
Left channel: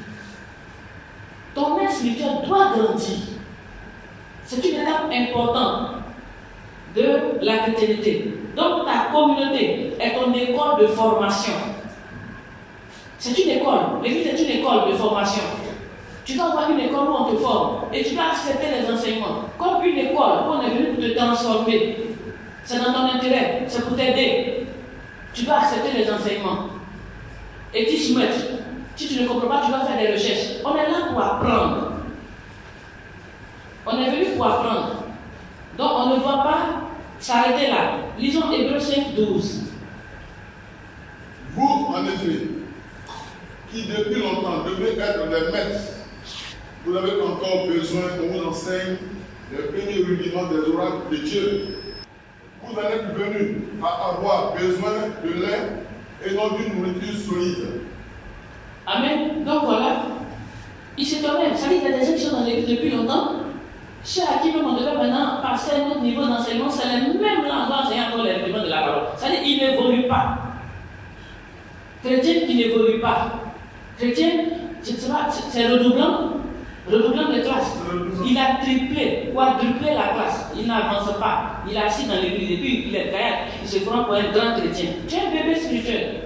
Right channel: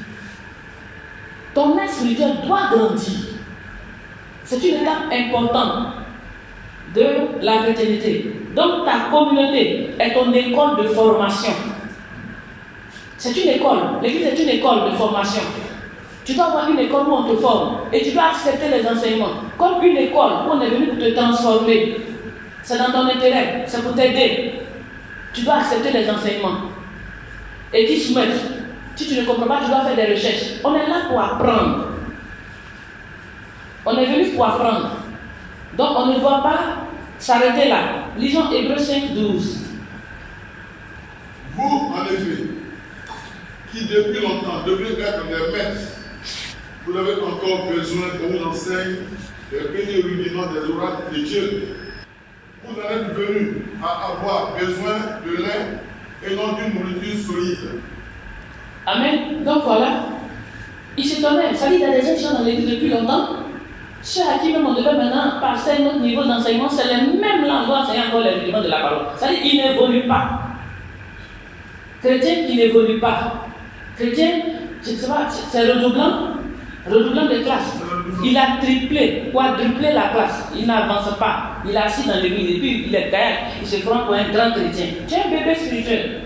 Ton être spirituel doit grandir. C'est une étape importante de la chrétienté. Donc ta communauté est ton école de formation. C'est une école. L'église est une école de formation. Tu dois avoir une école où on te forme et tu dois accepter les enseignements. Comme une école où on est venu pour te transformer. C'est dans ton intérêt, c'est pour t'aider. Tu dois accepter les enseignements et t'y soumettre. Si tu ne comprends pas, tu dois faire des recherches. On est là pour apprendre. On est venu pour apprendre. Donc on ne doit pas s'arrêter là. Lisons Hébreux 5, 12. Vous, en effet, qui depuis longtemps devez être des maîtres, vous avez encore besoin qu'on vous enseigne les premiers rudiments des oracles de Dieu. Vous en êtes venus à avoir besoin de lait et non d'une nourriture solide. Amen. Donc voilà, il s'étonnait. Ça dit, il y a des gens qui sont dans l'église depuis longtemps. Ceux à qui même on devait maintenant passer à un autre niveau d'enseignement, c'est les mêmes là, on doit enseigner encore les rudiments de la parole. Ça dit, ils n'évoluent pas. Chrétien qui n'évolue pas. Chrétien, c'est redoublant de classe. Il a triplé, quadruplé la classe. Il n'avance pas. Il est assis dans l'église et puis il est derrière. Il se prend pour un grand chrétien. Tu es un bébé spirituel.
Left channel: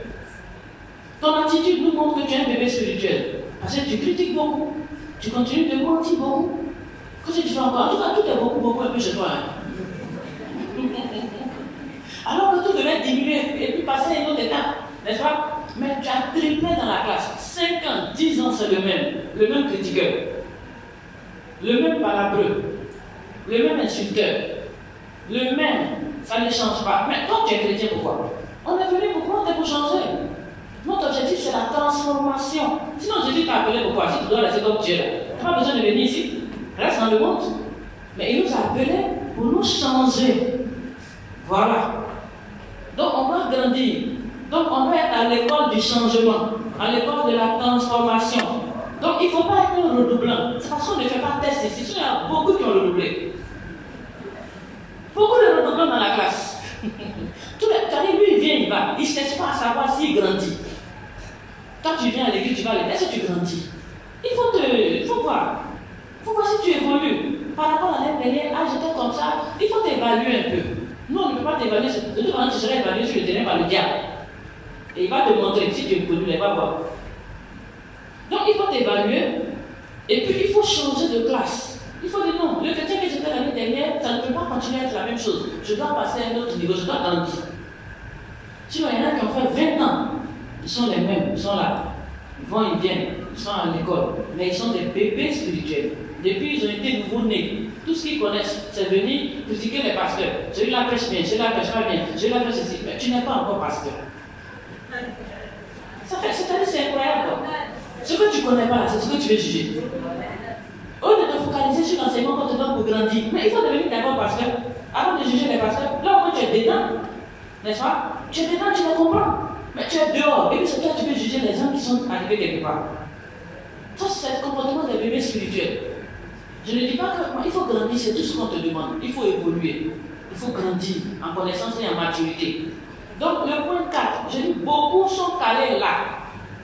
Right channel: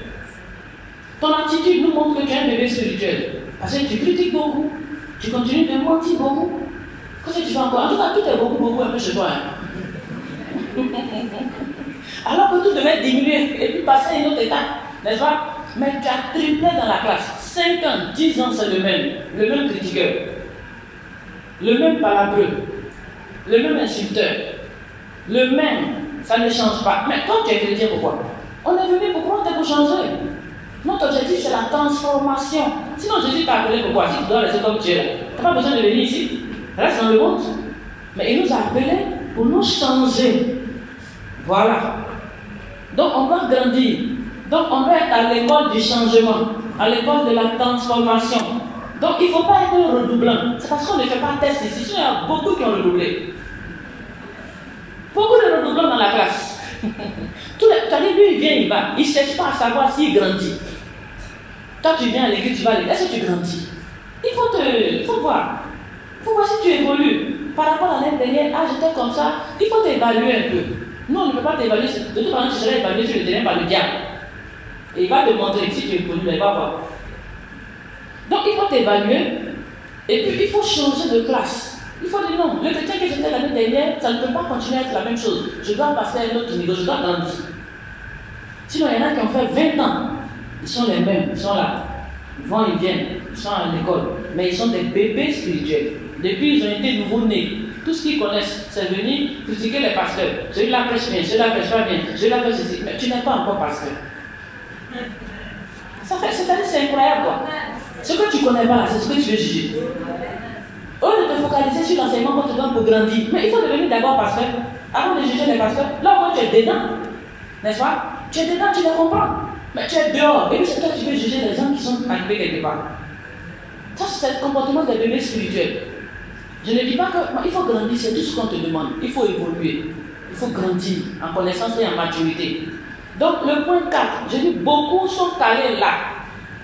Ton attitude nous montre que tu es un bébé spirituel. Parce que tu critiques beaucoup. Tu continues de mentir beaucoup. Qu'est-ce que tu fais encore? En tout cas, tout est beaucoup un peu chez toi. Hein? Alors que tout devait diminuer et puis passer à une autre étape. N'est-ce pas? Mais tu as triplé dans la classe. 5 ans, 10 ans, c'est le même critiqueur, le même palabreux, le même insulteur, le même, ça ne change pas. Mais toi, tu es chrétien, pourquoi? On est venu pourquoi? On est pour changer. Notre objectif, c'est la transformation. Sinon, Jésus t'a appelé pourquoi? Si tu dois rester comme tu es, tu n'as pas besoin de venir ici. Reste dans le monde. Mais il nous a appelés pour nous changer. Voilà. Donc, on doit grandir. Donc, on doit être à l'école du changement, à l'école de la transformation. Donc, il ne faut pas être un redoublant. C'est parce qu'on ne fait pas de test ici. Il y a beaucoup qui ont redoublé. Beaucoup de redoublants dans la classe. Lui, il vient, il va. Il ne cherche pas à savoir s'il grandit. Quand tu viens à l'église, tu vas à l'église. Est-ce que tu grandis? Il faut voir. Il faut voir si tu évolues. Par rapport à l'année dernière, j'étais comme ça. Il faut t'évaluer un peu. Nous, on ne peut pas t'évaluer. De toute façon, tu seras évalué sur le terrain par le diable. Et il va te montrer si tu es connu, il va voir. Donc il faut t'évaluer et puis il faut changer de classe. Il faut dire non, le chrétien que j'étais l'année dernière, ça ne peut pas continuer à être la même chose. Je dois passer à un autre niveau, je dois grandir. Sinon, il y en a qui ont fait 20 ans, ils sont les mêmes, ils sont là. Ils vont, ils viennent. ils sont à l'école, mais ils sont des bébés spirituels. Depuis ils ont été nouveau-nés. Tout ce qu'ils connaissent, c'est venir critiquer les pasteurs. Celui-là prêche bien, celui-là prêche pas bien, celui-là fait ceci. Mais tu n'es pas encore pasteur. C'est incroyable quoi. Ce que tu ne connais pas là, c'est ce que tu veux juger. Au lieu de te focaliser sur l'enseignement qu'on te donne pour grandir, mais il faut devenir d'abord pasteur avant de juger les pasteurs. Là où tu es dedans, n'est-ce pas? Tu es dedans, tu les comprends. Mais tu es dehors, et puis c'est toi qui veux juger les gens qui sont arrivés quelque part. Ça, c'est le comportement des bébés spirituels. Je ne dis pas qu'il faut grandir, c'est tout ce qu'on te demande. Il faut évoluer, il faut grandir en connaissance et en maturité. Donc, le point 4, je dis beaucoup sont calés là.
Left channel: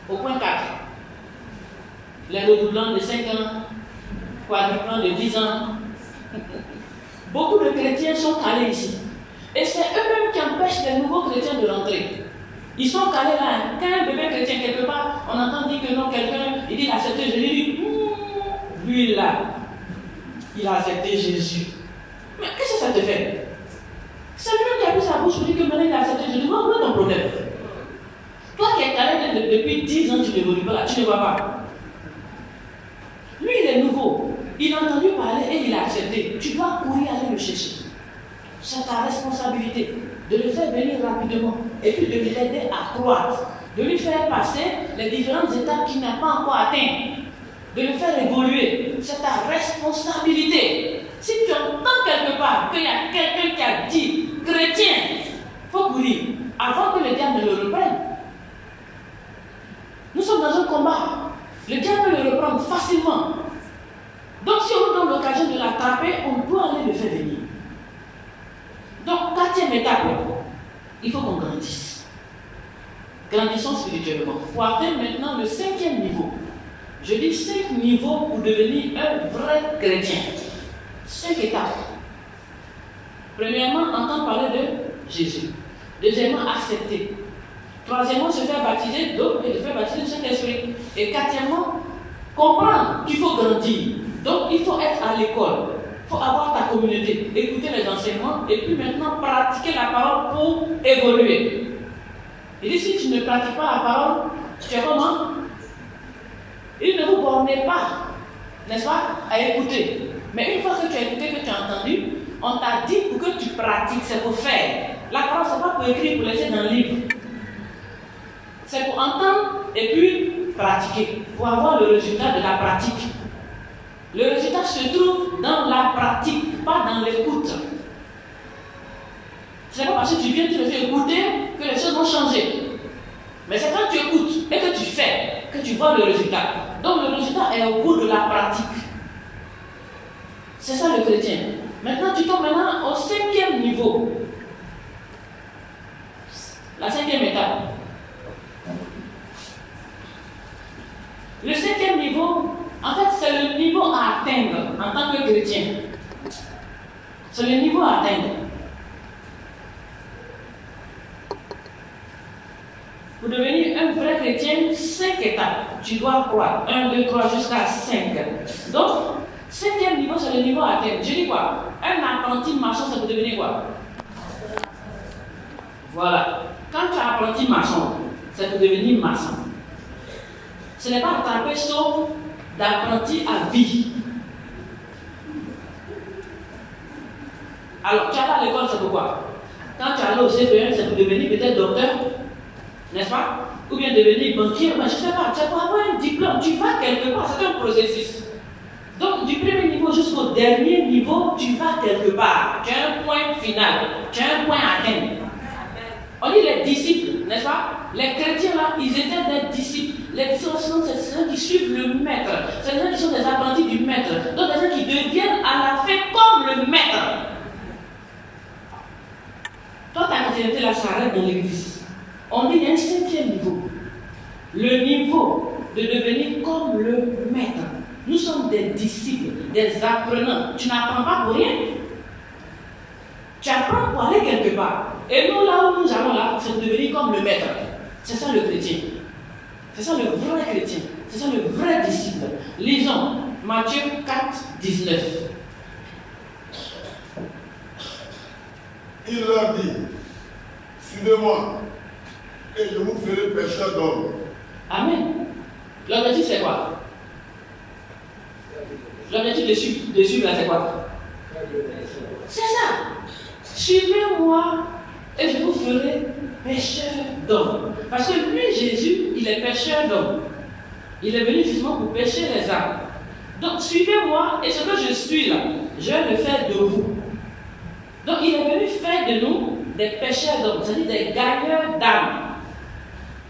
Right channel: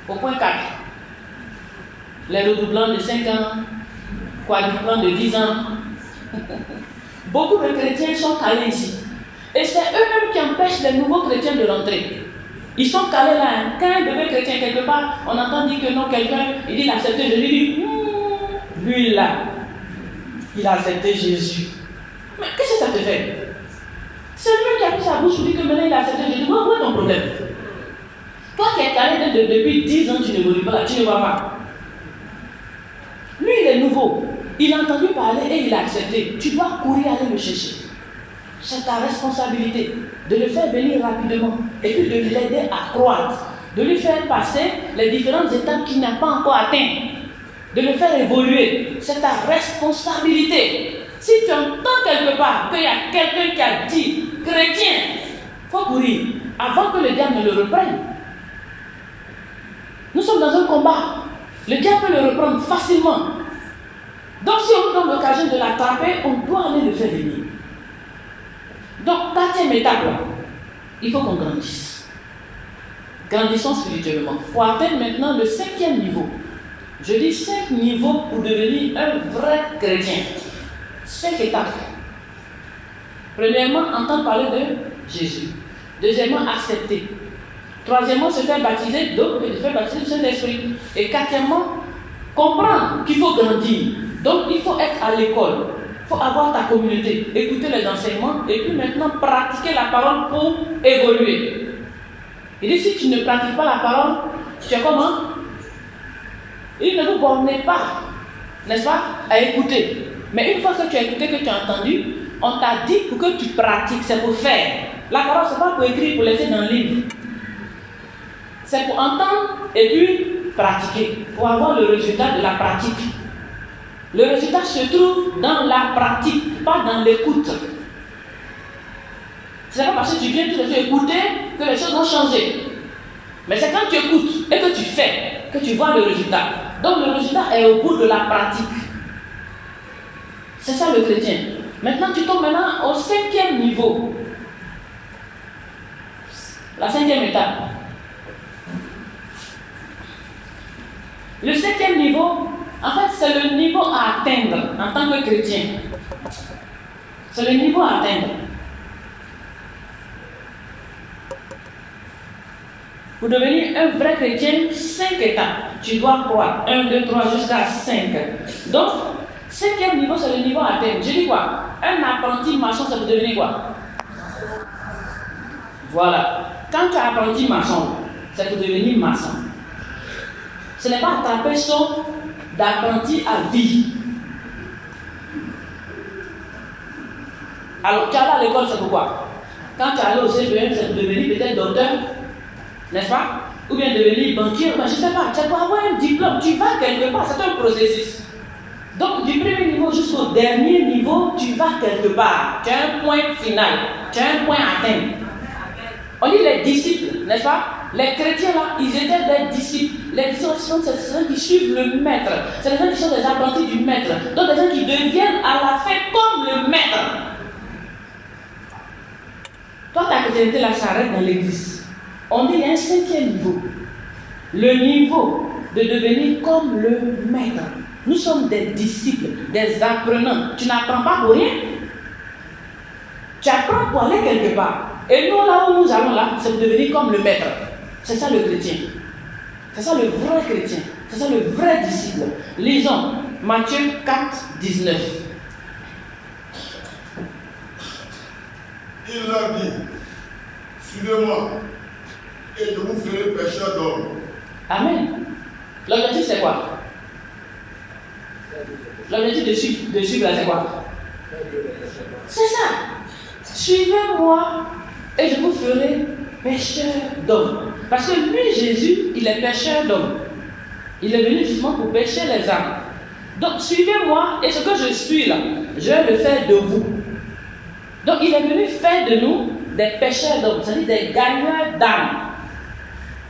Au point 4, les redoublants de 5 ans, quadruplants de 10 ans. Beaucoup de chrétiens sont calés ici. Et c'est eux-mêmes qui empêchent les nouveaux chrétiens de rentrer. Ils sont calés là. Quand un bébé chrétien, quelque part, on entend dire que non, quelqu'un, il dit il a accepté Jésus. Il dit, lui là, il a accepté Jésus. Mais qu'est-ce que ça te fait? C'est lui qui a pris sa bouche pour dire que maintenant il a accepté Jésus. Où est ton problème? Toi qui es calé depuis 10 ans, tu n'évolues pas là, tu ne vois pas. Lui, il est nouveau. Il a entendu parler et il a accepté. Tu dois courir aller le chercher. C'est ta responsabilité de le faire venir rapidement et puis de l'aider à croître, de lui faire passer les différentes étapes qu'il n'a pas encore atteintes, de le faire évoluer. C'est ta responsabilité. Si tu entends quelque part qu'il y a quelqu'un qui a dit chrétien, il faut courir avant que le diable ne le reprenne. Nous sommes dans un combat. Le diable peut le reprendre facilement. Donc si on donne l'occasion de l'attraper, on doit aller le faire venir. Donc, 4e étape, il faut qu'on grandisse. Grandissons spirituellement. Pour atteindre maintenant le 5e niveau. Je dis 5 niveaux pour devenir un vrai chrétien. 5 étapes. Premièrement, entendre parler de Jésus. Deuxièmement, accepter. Troisièmement, se faire baptiser d'eau et se faire baptiser du Saint-Esprit. Et quatrièmement, comprendre qu'il faut grandir. Donc, il faut être à l'école. Il faut avoir ta communauté, écouter les enseignements et puis maintenant pratiquer la parole pour évoluer. Il dit si tu ne pratiques pas la parole, tu es comment? Il ne vous bornez pas, n'est-ce pas, à écouter. Mais une fois que tu as écouté, que tu as entendu, on t'a dit pour que tu pratiques, c'est pour faire. La parole, ce n'est pas pour écrire, pour laisser dans le livre. C'est pour entendre et puis pratiquer, pour avoir le résultat de la pratique. Le résultat se trouve dans la pratique, pas dans l'écoute. Ce n'est pas parce que tu viens tout le temps écouter que les choses vont changer. Mais c'est quand tu écoutes et que tu fais que tu vois le résultat. Donc le résultat est au bout de la pratique. C'est ça le chrétien. Maintenant tu tombes au 5e niveau. La 5e étape. Le 5e niveau, en fait, c'est le niveau à atteindre en tant que chrétien. C'est le niveau à atteindre. Pour devenir un vrai chrétien, 5 étapes. Tu dois croire. 1, 2, 3 jusqu'à 5. Donc, 5e niveau, c'est le niveau à atteindre. Je dis quoi? Un apprenti maçon, ça peut devenir quoi? Voilà. Quand tu es apprenti maçon, c'est pour devenir maçon. Ce n'est pas attraper son d'apprenti à vie. Alors, tu allais à l'école, c'est pourquoi? Quand tu allais au CPM, c'est pour devenir peut-être docteur, n'est-ce pas? Ou bien devenir banquier, mais je ne sais pas, tu vas avoir un diplôme, tu vas quelque part, c'est un processus. Donc, du premier niveau jusqu'au dernier niveau, tu vas quelque part. Tu as un point final, tu as un point à atteindre. On dit les disciples, n'est-ce pas? Les chrétiens là, ils étaient des disciples. Les disciples, c'est des gens qui suivent le maître. C'est des gens qui sont des apprentis du maître. Donc des gens qui deviennent à la fin comme le maître. Toi, ta chrétienté là s'arrête dans l'église. On dit il y a un 5e niveau. Le niveau de devenir comme le maître. Nous sommes des disciples, des apprenants. Tu n'apprends pas pour rien. Tu apprends pour aller quelque part. Et nous, là où nous allons là, c'est de devenir comme le maître. C'est ça le chrétien. C'est ça le vrai chrétien. C'est ça le vrai disciple. Lisons Matthieu 4, 19. Il leur dit, suivez-moi, et je vous ferai pécheur d'hommes. Amen. L'objectif, c'est quoi? L'objectif de suivre, c'est quoi? C'est ça. Suivez-moi et je vous ferai pécheur d'hommes. Parce que lui, Jésus, il est pécheur d'hommes. Il est venu justement pour pécher les âmes. Donc, suivez-moi et ce que je suis là, je vais le faire de vous. Donc, il est venu faire de nous des pécheurs d'hommes, c'est-à-dire des gagneurs d'âmes.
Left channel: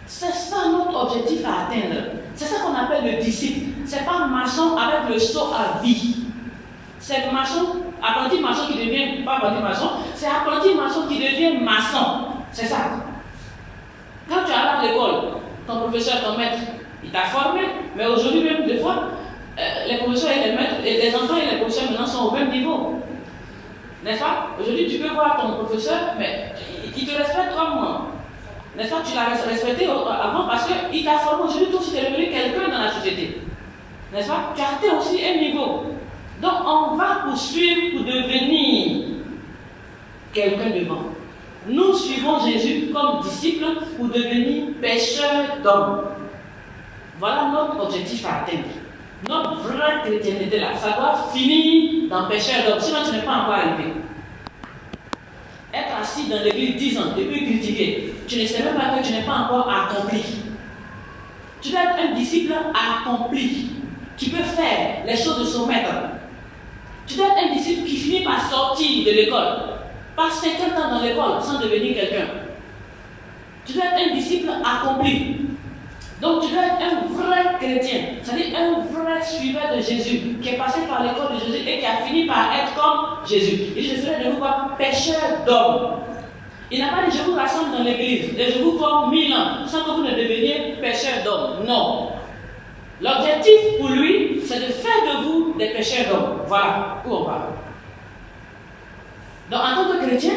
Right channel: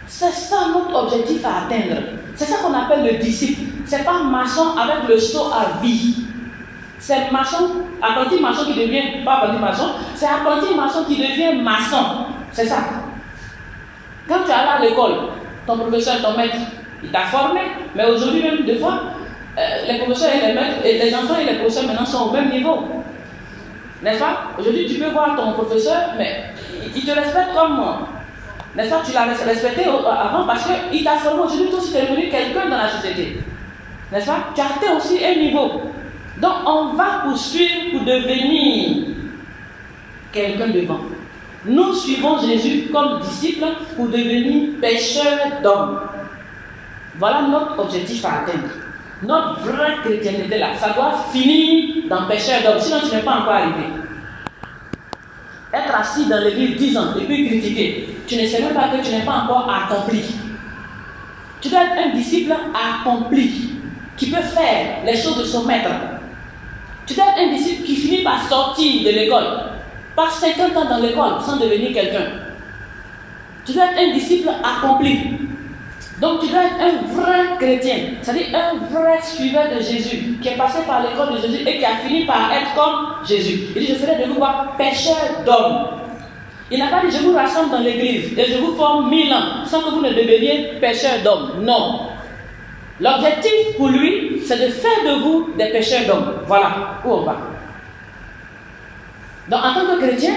C'est ça notre objectif à atteindre. C'est ça qu'on appelle le disciple. C'est pas maçon avec le seau à vie. C'est maçon, apprenti maçon qui devient, pas apprenti maçon, c'est apprenti maçon qui devient maçon. C'est ça. Quand tu es allé à l'école, ton professeur, ton maître, il t'a formé, mais aujourd'hui même, des fois, les professeurs et les maîtres, et les enfants et les professeurs maintenant sont au même niveau. N'est-ce pas? Aujourd'hui, tu peux voir ton professeur, mais il te respecte comme moi. N'est-ce pas? Tu l'as respecté avant parce qu'il t'a formé. Aujourd'hui, toi aussi, tu es devenu quelqu'un dans la société. N'est-ce pas? Tu as atteint aussi un niveau. Donc, on va poursuivre pour devenir quelqu'un devant. Nous suivons Jésus comme disciples pour devenir pécheurs d'hommes. Voilà notre objectif à atteindre. Notre vraie chrétienté là, ça doit finir dans pécheur d'hommes. Sinon, tu n'es pas encore arrivé. Être assis dans l'église 10 ans et puis critiquer, tu ne sais même pas que tu n'es pas encore accompli. Tu dois être un disciple accompli qui peut faire les choses de son maître. Tu dois être un disciple qui finit par sortir de l'école, pas 50 ans dans l'école sans devenir quelqu'un. Tu dois être un disciple accompli. Donc tu dois être un vrai chrétien, c'est-à-dire un vrai suiveur de Jésus, qui est passé par l'école de Jésus et qui a fini par être comme Jésus. Il dit, je ferai de vous pécheurs d'hommes. Il n'a pas dit, je vous rassemble dans l'église et je vous forme 1000 ans sans que vous ne deveniez pécheurs d'hommes. Non. L'objectif pour lui, c'est de faire de vous des pécheurs d'hommes. Voilà où on va. Donc en tant que chrétien,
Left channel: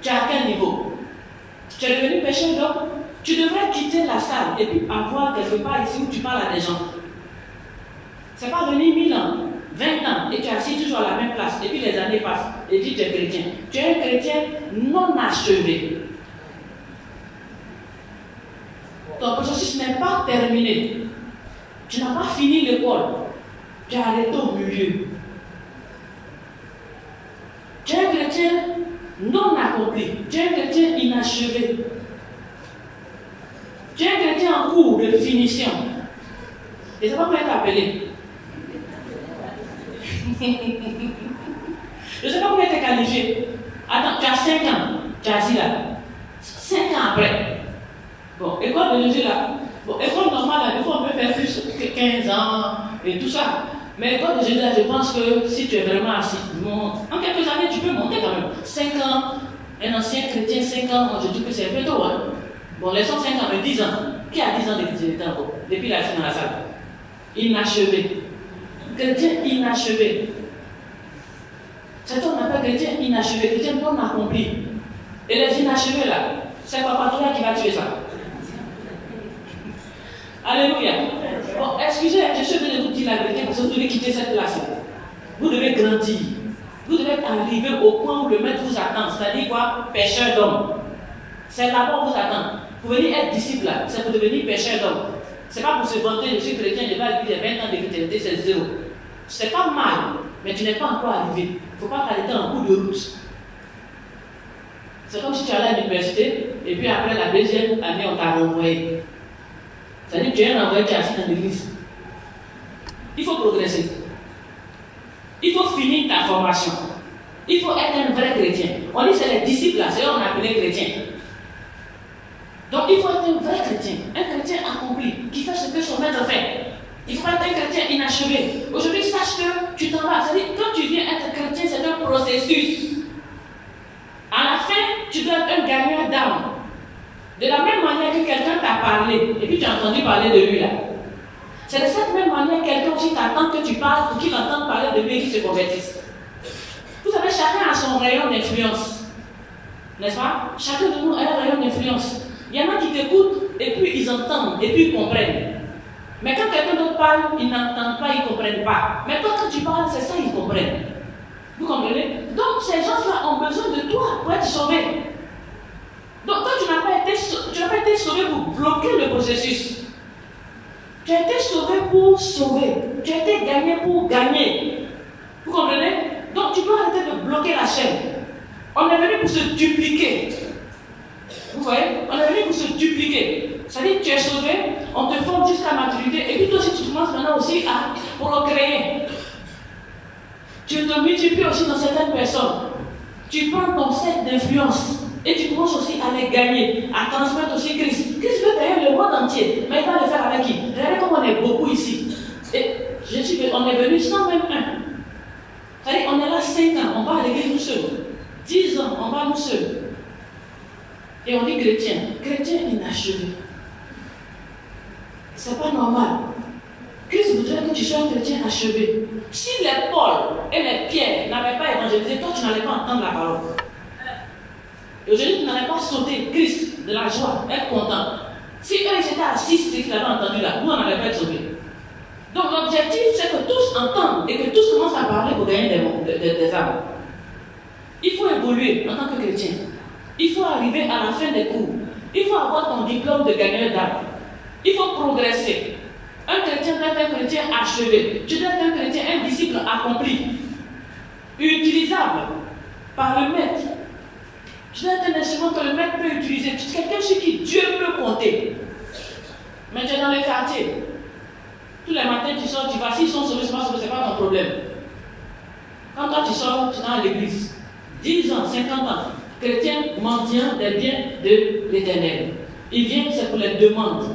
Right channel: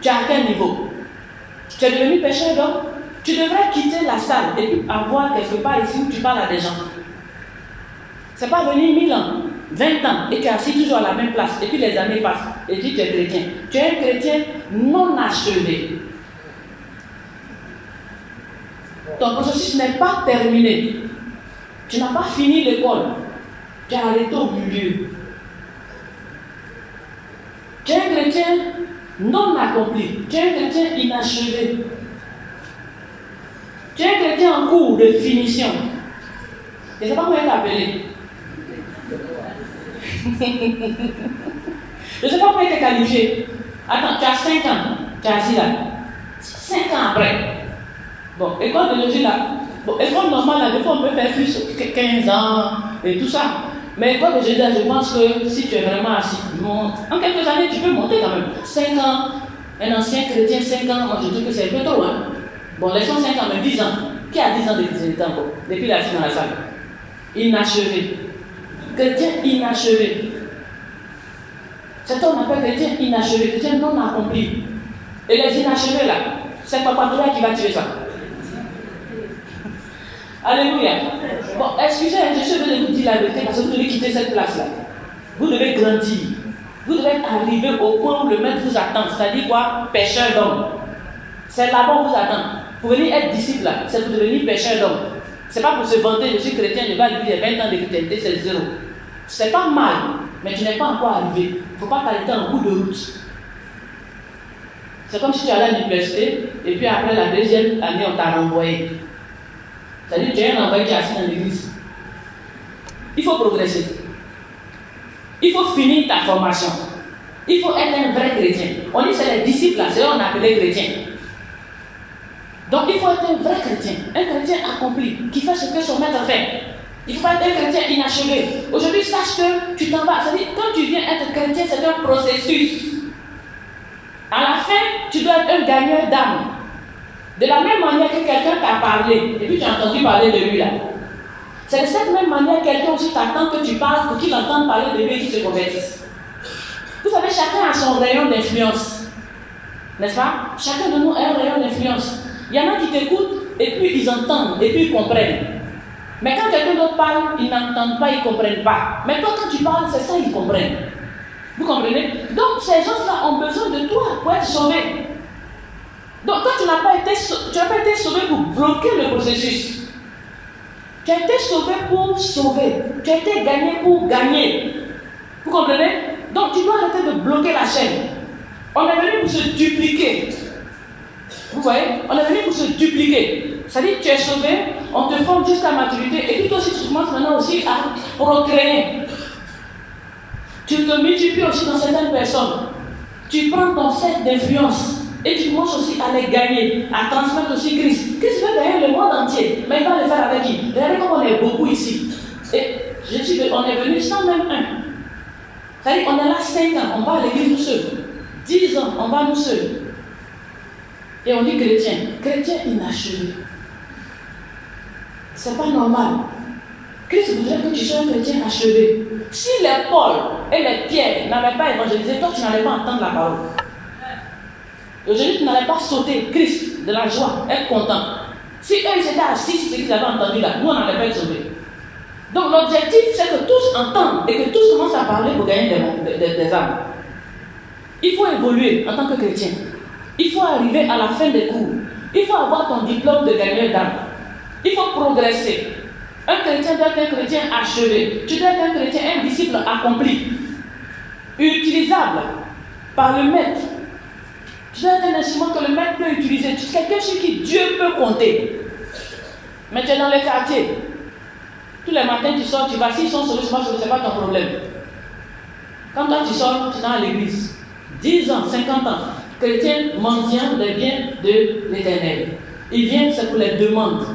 tu as atteint un niveau. Tu es devenu pécheur d'hommes. Tu devrais quitter la salle et puis avoir quelque part ici où tu parles à des gens. C'est pas venir 1000 ans, 20 ans et tu es assis toujours à la même place et puis les années passent et tu es chrétien. Tu es un chrétien non achevé. Ton processus n'est pas terminé. Tu n'as pas fini l'école. Tu es arrêté au milieu. Tu es un chrétien non accompli. Tu es un chrétien inachevé. Tu es un chrétien en cours de finition. Je ne sais pas comment t'appeler. Je ne sais pas comment tu es qualifié. Attends, tu as 5 ans. Tu es assis là. 5 ans après. Bon, école de Jésus là. Bon, école normale, là, des fois on peut faire plus que 15 ans et tout ça. Mais école de Jésus là, je pense que si tu es vraiment assis, en quelques années, tu peux monter quand même. 5 ans, un ancien chrétien, 5 ans, je trouve que c'est un peu trop, hein. Bon, laissons 5 ans, mais 10 ans. Qui a 10 ans de chrétienté encore? Depuis la fin dans la salle. Inachevé. Chrétien inachevé. C'est ce qu'on appelle chrétien inachevé, chrétien non accompli. Et les inachevés là, c'est Papa Toula qui va tuer ça. Alléluia. Bon, excusez, je suis venu de vous dire la vérité parce que vous devez quitter cette place-là. Vous devez grandir. Vous devez arriver au point où le maître vous attend. C'est-à-dire quoi? Pécheur d'hommes. C'est là-bas où vous attend. Pour venir être disciple là, c'est pour devenir pécheur d'hommes. C'est pas pour se vanter, je suis chrétien, je vais vivre 20 ans de chrétienté, c'est zéro. C'est pas mal, mais tu n'es pas encore arrivé. Il ne faut pas t'arrêter en cours de route. C'est comme si tu allais à l'université et puis après la deuxième année, on t'a renvoyé. C'est-à-dire que tu es renvoyé, tu es assis dans l'église. Il faut progresser. Il faut finir ta formation. Il faut être un vrai chrétien. On dit c'est les disciples là, c'est eux qu'on appelle chrétiens. Donc il faut être un vrai chrétien, un chrétien accompli, qui fait ce que son maître fait. Il ne faut pas être un chrétien inachevé. Aujourd'hui, sache que tu t'en vas. C'est-à-dire, quand tu viens être chrétien, c'est un processus. À la fin, tu dois être un gagneur d'âme. De la même manière que quelqu'un t'a parlé, et puis tu as entendu parler de lui là. C'est de cette même manière que quelqu'un aussi t'attend que tu parles pour qu'il entende parler de lui et qu'il se convertisse. Vous savez, chacun a son rayon d'influence. N'est-ce pas? Chacun de nous a un rayon d'influence. Il y en a qui t'écoutent et puis ils entendent et puis ils comprennent. Mais quand quelqu'un d'autre parle, ils n'entendent pas, ils ne comprennent pas. Mais toi, quand tu parles, c'est ça, ils comprennent. Vous comprenez? Donc, ces gens-là ont besoin de toi pour être sauvés. Donc, quand tu n'as pas été sauvé pour bloquer le processus, Tu as été sauvé pour sauver. Tu as été gagné pour gagner. Vous comprenez? Donc tu dois arrêter de bloquer la chaîne. On est venu pour se dupliquer. Vous voyez? On est venu pour se dupliquer. C'est-à-dire que tu es sauvé, on te forme jusqu'à maturité, et puis toi aussi tu commences maintenant aussi à procréer. Tu te multiplies aussi dans certaines personnes. Tu prends ton cercle d'influence et tu commences aussi à les gagner, à transmettre aussi Christ. Christ veut gagner le monde entier, mais il va le faire avec qui? Regardez comme on est beaucoup ici. Et on est venu sans même un. C'est-à-dire on est là 5 ans, on va à l'église nous seuls. 10 ans, on va nous seuls. Et on dit chrétien. Chrétien inachevé. C'est pas normal. Christ voudrait que tu sois un chrétien achevé. Si les Paul et les Pierre n'avaient pas évangélisé, toi tu n'allais pas entendre la parole. Aujourd'hui, tu n'allais pas sauter Christ de la joie, être content. Si eux ils étaient assis, c'est qu'ils avaient entendu là, nous on n'allait pas être sauvés. Donc l'objectif c'est que tous entendent et que tous commencent à parler pour gagner des âmes. Il faut évoluer en tant que chrétien. Il faut arriver à la fin des cours. Il faut avoir ton diplôme de gagneur d'âme. Il faut progresser. Un chrétien doit être un chrétien achevé. Tu dois être un chrétien, un disciple accompli. Utilisable par le maître. Tu dois être un instrument que le maître peut utiliser. Tu es quelqu'un sur qui Dieu peut compter. Mais tu es dans les quartiers. Tous les matins tu sors, tu vas. S'ils sont sauvés, ce n'est pas ton problème. Quand toi tu sors, tu es dans l'église. 10 ans, 50 ans. Chrétien mendiant des biens de l'Éternel. Il vient, c'est pour les demandes.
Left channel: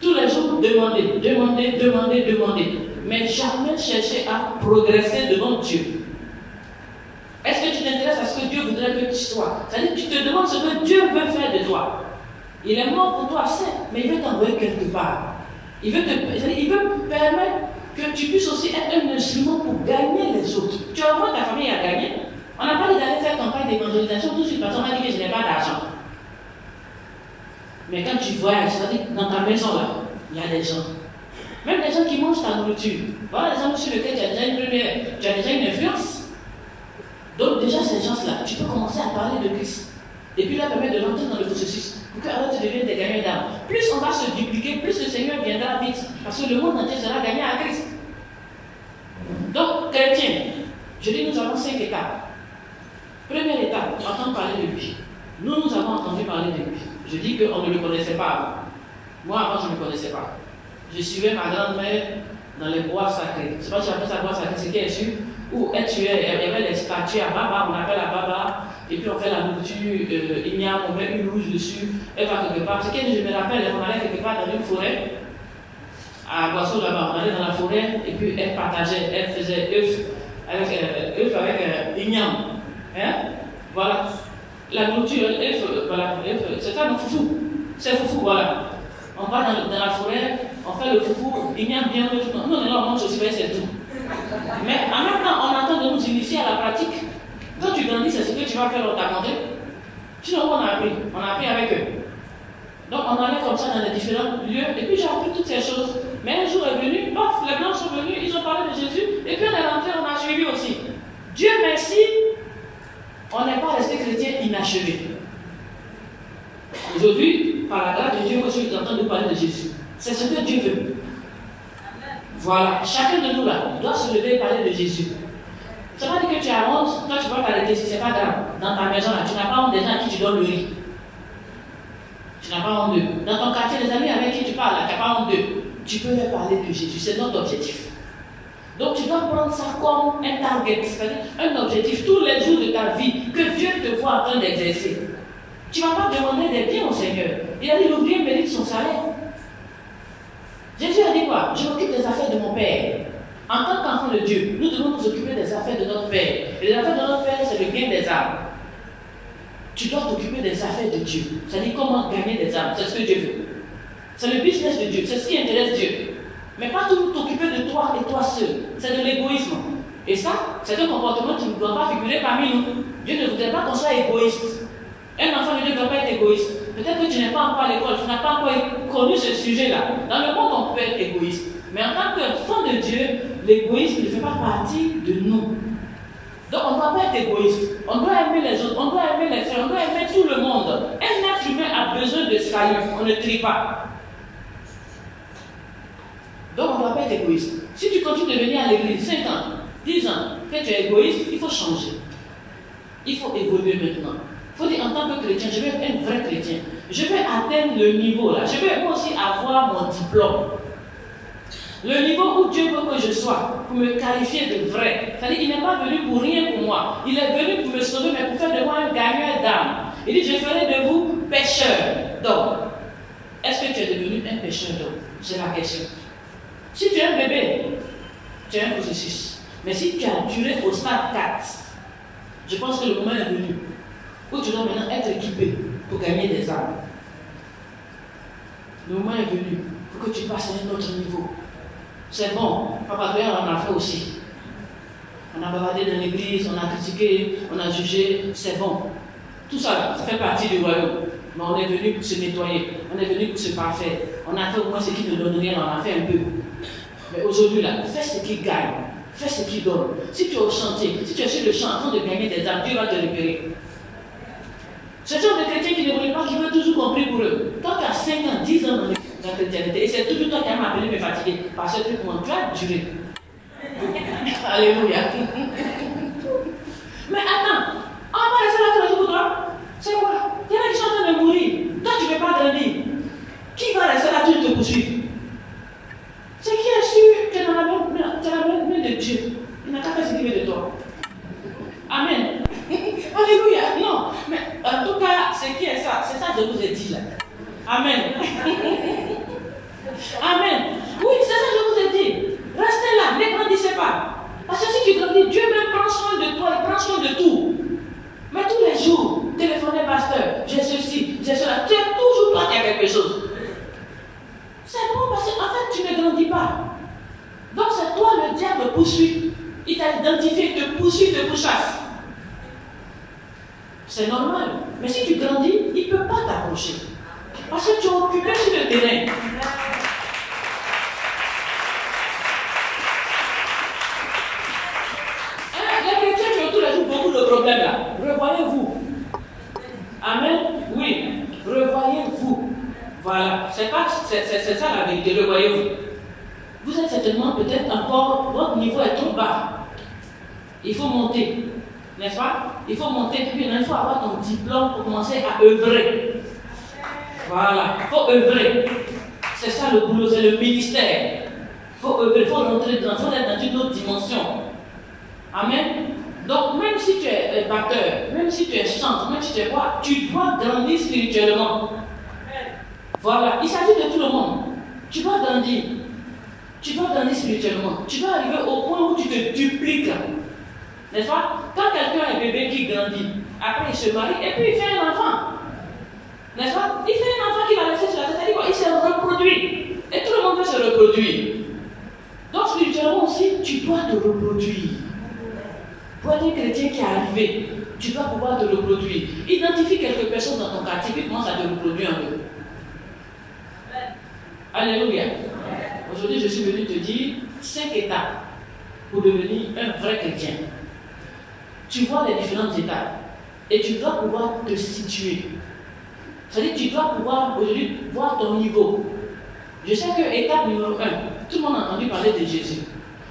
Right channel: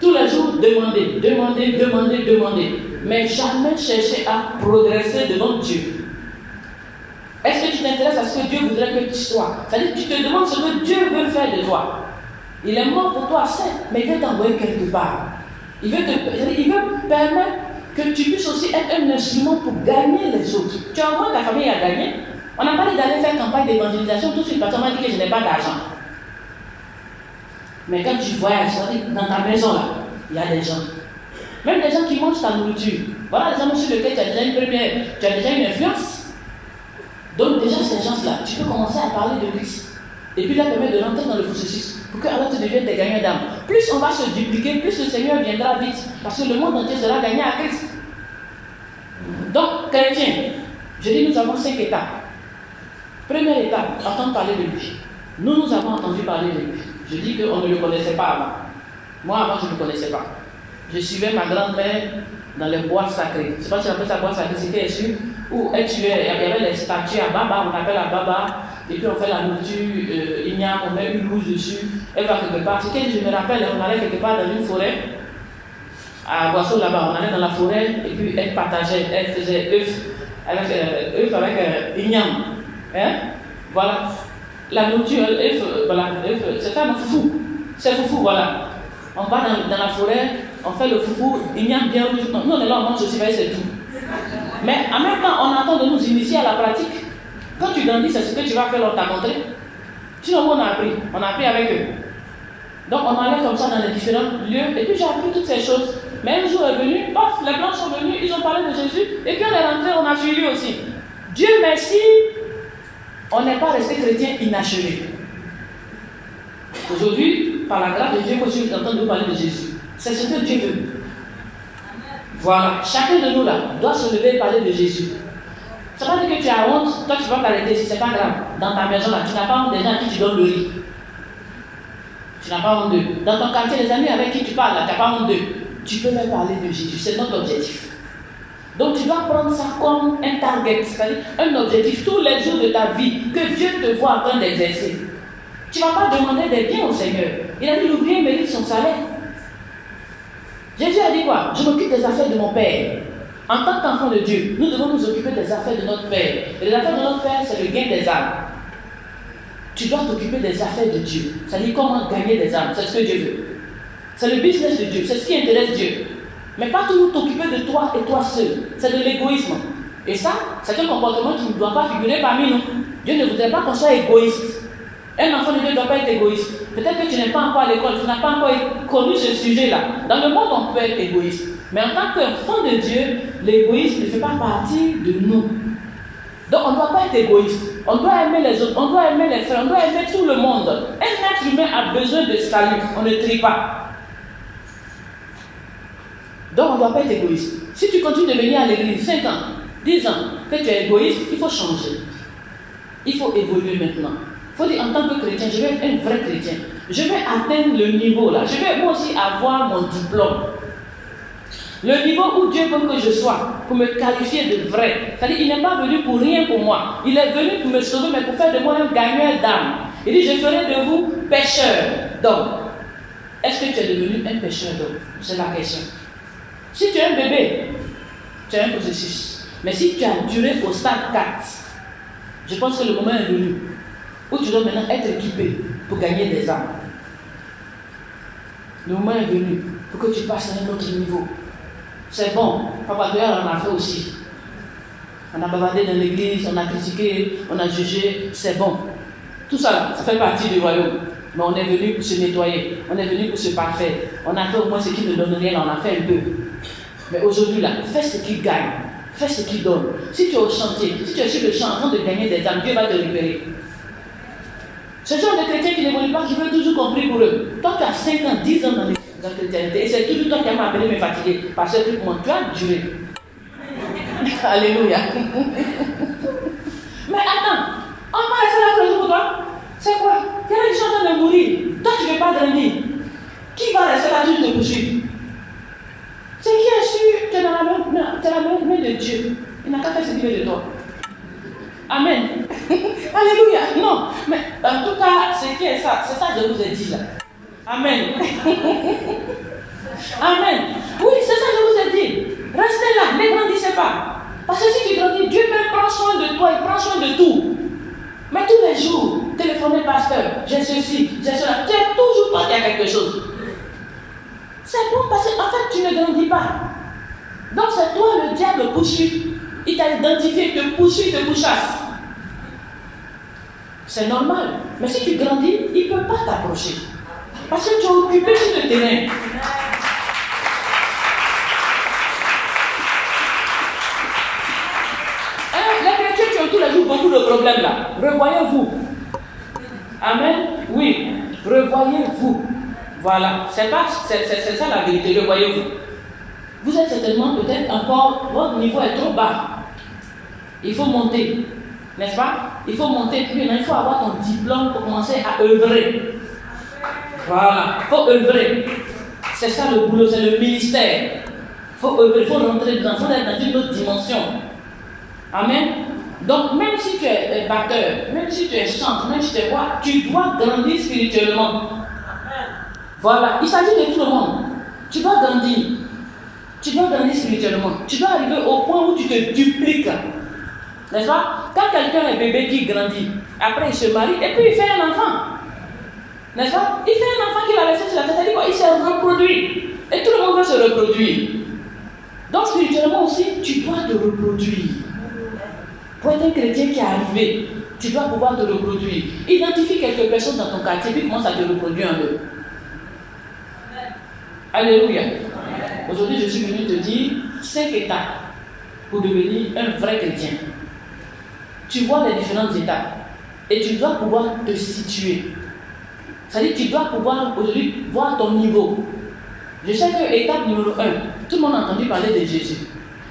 Tous les jours, demander. Mais jamais chercher à progresser devant Dieu. Est-ce que tu t'intéresses à ce que Dieu voudrait que tu sois? C'est-à-dire que tu te demandes ce que Dieu veut faire de toi. Il est mort pour toi, certes, mais il veut t'envoyer quelque part. Il veut permettre que tu puisses aussi être un instrument pour gagner les autres. Tu envoies ta famille à gagner. On n'a pas dit d'aller faire campagne d'évangélisation tout de suite parce qu'on m'a dit que je n'ai pas d'argent. Mais quand tu voyages, c'est-à-dire dans ta maison là, il y a des gens. Même des gens qui mangent ta nourriture. Voilà les gens sur lesquels tu as déjà une influence. Donc déjà ces gens-là, tu peux commencer à parler de Christ. Et puis leur permettre de rentrer dans le processus. Pour qu'alors tu deviennes des gagnants d'âme. Plus on va se dupliquer, plus le Seigneur viendra vite. Parce que le monde entier sera gagné à Christ. Donc, chrétien, je dis nous avons 5 étapes. Première étape, entendre parler de lui. Nous avons entendu parler de lui. Je dis qu'on ne le connaissait pas avant. Moi, avant, je ne le connaissais pas. Je suivais ma grand-mère dans les bois sacrés. Je ne sais pas si on appelle ça bois sacré, c'était sûr. Où elle tuait, il y avait les statues à Baba, on appelle à Baba. Et puis on fait la nourriture, igname, on met une louche dessus. Elle va quelque part. Ce que je me rappelle, on allait quelque part dans une forêt. À Boisseau là-bas, on allait dans la forêt. Et puis elle partageait, elle faisait œuf avec igname. Hein? Voilà. La nourriture, voilà, c'est ça le foufou. C'est le foufou, voilà. On va dans la forêt, on fait le foufou, igname bien rouge. Nous, on est là, on mange aussi, c'est tout. Mais en même temps, on attend de nous initier à la pratique. Quand tu grandis, c'est ce que tu vas faire, on t'a montré. Sinon, on a appris avec eux. Donc, on allait comme ça dans les différents lieux, et puis j'ai appris toutes ces choses. Mais un jour est venu, paf, les blancs sont venus, ils ont parlé de Jésus, et puis on est rentré, on a suivi aussi. Dieu merci, on n'est pas resté chrétien inachevé. Aujourd'hui, par la grâce de Dieu, que je suis en train de parler de Jésus. C'est ce que Dieu veut. Voilà, chacun de nous là doit se lever et parler de Jésus. Ça ne veut pas dire que tu as honte, toi tu vas t'arrêter, si c'est pas grave. Dans ta maison là, tu n'as pas honte des gens à qui tu donnes le riz. Tu n'as pas honte d'eux. Dans ton quartier, les amis avec qui tu parles là, tu n'as pas honte d'eux. Tu peux leur parler de Jésus, c'est notre objectif. Donc tu dois prendre ça comme un target, c'est-à-dire un objectif tous les jours de ta vie que Dieu te voit en train d'exercer. Tu ne vas pas demander des biens au Seigneur. Il a dit l'ouvrier mérite son salaire. Jésus a dit quoi? Je m'occupe des affaires de mon Père. En tant qu'enfant de Dieu, nous devons nous occuper des affaires de notre Père. Et les affaires de notre Père, c'est le gain des âmes. Tu dois t'occuper des affaires de Dieu. C'est-à-dire comment gagner des âmes. C'est ce que Dieu veut. C'est le business de Dieu. C'est ce qui intéresse Dieu. Mais pas toujours t'occuper de toi et toi seul. C'est de l'égoïsme. Et ça, c'est un comportement qui ne doit pas figurer parmi nous. Dieu ne voudrait pas qu'on soit égoïste. Un enfant de Dieu ne doit pas être égoïste. Peut-être que tu n'es pas encore à l'école, tu n'as pas encore connu ce sujet-là. Dans le monde, on peut être égoïste. Mais en tant qu'enfant de Dieu, l'égoïsme ne fait pas partie de nous. Donc on ne doit pas être égoïste. On doit aimer les autres, on doit aimer les frères, on doit aimer tout le monde. Un être humain a besoin de salut. On ne trie pas. Donc on ne doit pas être égoïste. Si tu continues de venir à l'église 5 ans, 10 ans, que tu es égoïste, il faut changer. Il faut évoluer maintenant. Il faut dire en tant que chrétien, je vais être un vrai chrétien. Je vais atteindre le niveau là. Je vais moi aussi avoir mon diplôme. Le niveau où Dieu veut que je sois, pour me qualifier de vrai. C'est-à-dire qu'il n'est pas venu pour rien pour moi. Il est venu pour me sauver, mais pour faire de moi un gagneur d'âme. Il dit, je ferai de vous pécheurs d'hommes. Est-ce que tu es devenu un pécheur d'hommes? C'est la question. Si tu es un bébé, tu es un processus. Mais si tu as duré au stade 4, je pense que le moment est venu où tu dois maintenant être équipé pour gagner des âmes. Le moment est venu pour que tu passes à un autre niveau. C'est bon, Papa Goya en a fait aussi. On a bavardé dans l'église, on a critiqué, on a jugé, c'est bon. Tout ça, ça fait partie du royaume. Mais on est venu pour se nettoyer, on est venu pour se parfaire. On a fait au moins ce qui nous donne rien, on a fait un peu. Mais aujourd'hui, là, fais ce qui gagne, fais ce qui donne. Si tu es au chantier, si tu es sur le champ en train de gagner des âmes, Dieu va te libérer. Ce genre de chrétiens qui n'évoluent pas, qui veulent toujours compris pour eux. Toi, tu as 5 ans, 10 ans dans la chrétienté, et c'est toujours toi qui m'as appelé me fatiguer. Parce que tu as duré. Alléluia. Mais attends, on va rester là tous les jours pour toi. C'est quoi? Il y en a qui sont en train de mourir. Toi, tu ne veux pas grandir. Qui va rester là toujours te poursuivre? C'est qui est sûr que tu es dans la main de Dieu. Il n'a qu'à faire ce qu'il veut de toi. Amen. Alléluia. Non, mais en tout cas, c'est qui est ça? C'est ça que je vous ai dit là. Amen. Amen. Oui, c'est ça que je vous ai dit. Restez là, ne grandissez pas. Parce que si tu grandis, Dieu même prend soin de toi, il prend soin de tout. Mais tous les jours, téléphonez pasteur, j'ai ceci, j'ai cela. Tu es toujours toi qui as quelque chose. C'est bon parce qu'en fait, tu ne grandis pas. Donc c'est toi le diable poursuit. Il t'a identifié, te poursuit, te pourchasse. C'est normal. Mais si tu grandis, il ne peut pas t'approcher. Parce que tu es occupé sur le terrain. Les chrétiens qui ont tous les jours beaucoup de problèmes là. Revoyez-vous. Amen. Oui. Revoyez-vous. Voilà. C'est ça la vérité. Revoyez-vous. Vous êtes certainement peut-être encore, votre niveau est trop bas. Il faut monter. N'est-ce pas? Il faut monter plus. Il faut avoir ton diplôme pour commencer à œuvrer. Voilà. Il faut œuvrer. C'est ça le boulot, c'est le ministère. Il faut œuvrer, il faut rentrer dans une autre dimension. Amen. Donc, même si tu es batteur, même si tu es chanteur, même si tu es roi, tu dois grandir spirituellement. Voilà. Il s'agit de tout le monde. Tu dois grandir. Tu dois grandir spirituellement. Tu dois arriver au point où tu te dupliques. N'est-ce pas? Quand quelqu'un est bébé qui grandit, après il se marie et puis il fait un enfant. N'est-ce pas? Il fait un enfant qu'il a laissé sur la tête, c'est-à-dire il s'est reproduit. Et tout le monde va se reproduire. Donc spirituellement aussi, tu dois te reproduire. Pour être un chrétien qui est arrivé, tu dois pouvoir te reproduire. Identifie quelques personnes dans ton quartier puis commence à te reproduire un peu. Alléluia. Aujourd'hui, je suis venu te dire 5 étapes pour devenir un vrai chrétien. Tu vois les différentes étapes et tu dois pouvoir te situer. C'est-à-dire que tu dois pouvoir aujourd'hui voir ton niveau. Je sais que étape numéro 1, tout le monde a entendu parler de Jésus.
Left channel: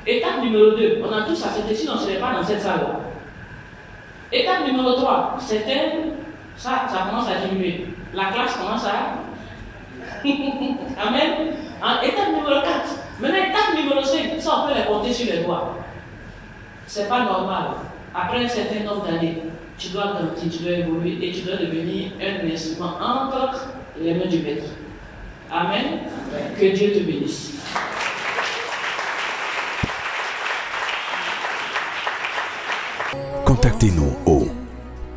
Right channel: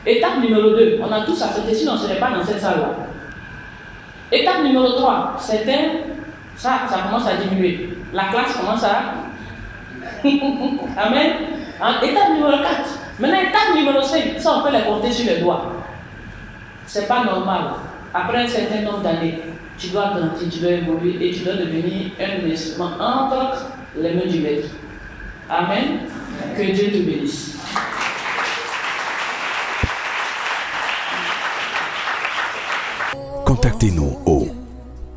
Étape numéro 2, on a tous accepté, sinon on ne serait pas dans cette salle-là. Étape numéro 3, certains, ça commence à diminuer. La classe commence à... Amen. Étape numéro 4. Maintenant, étape numéro 5, ça on peut les compter sur les doigts. C'est pas normal. Après un certain nombre d'années, tu dois grandir, tu dois évoluer et tu dois devenir un instrument entre les mains du maître. Amen. Que Dieu te bénisse. Contactez-nous au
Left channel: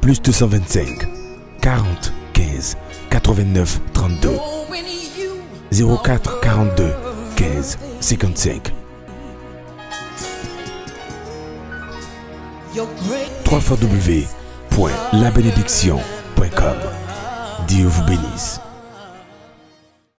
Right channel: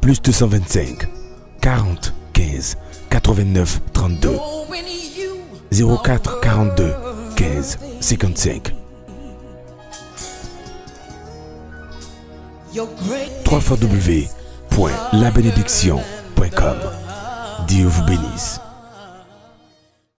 +225 40 15 89 32 04 42 15 55 www.labénédiction.com. Dieu vous bénisse.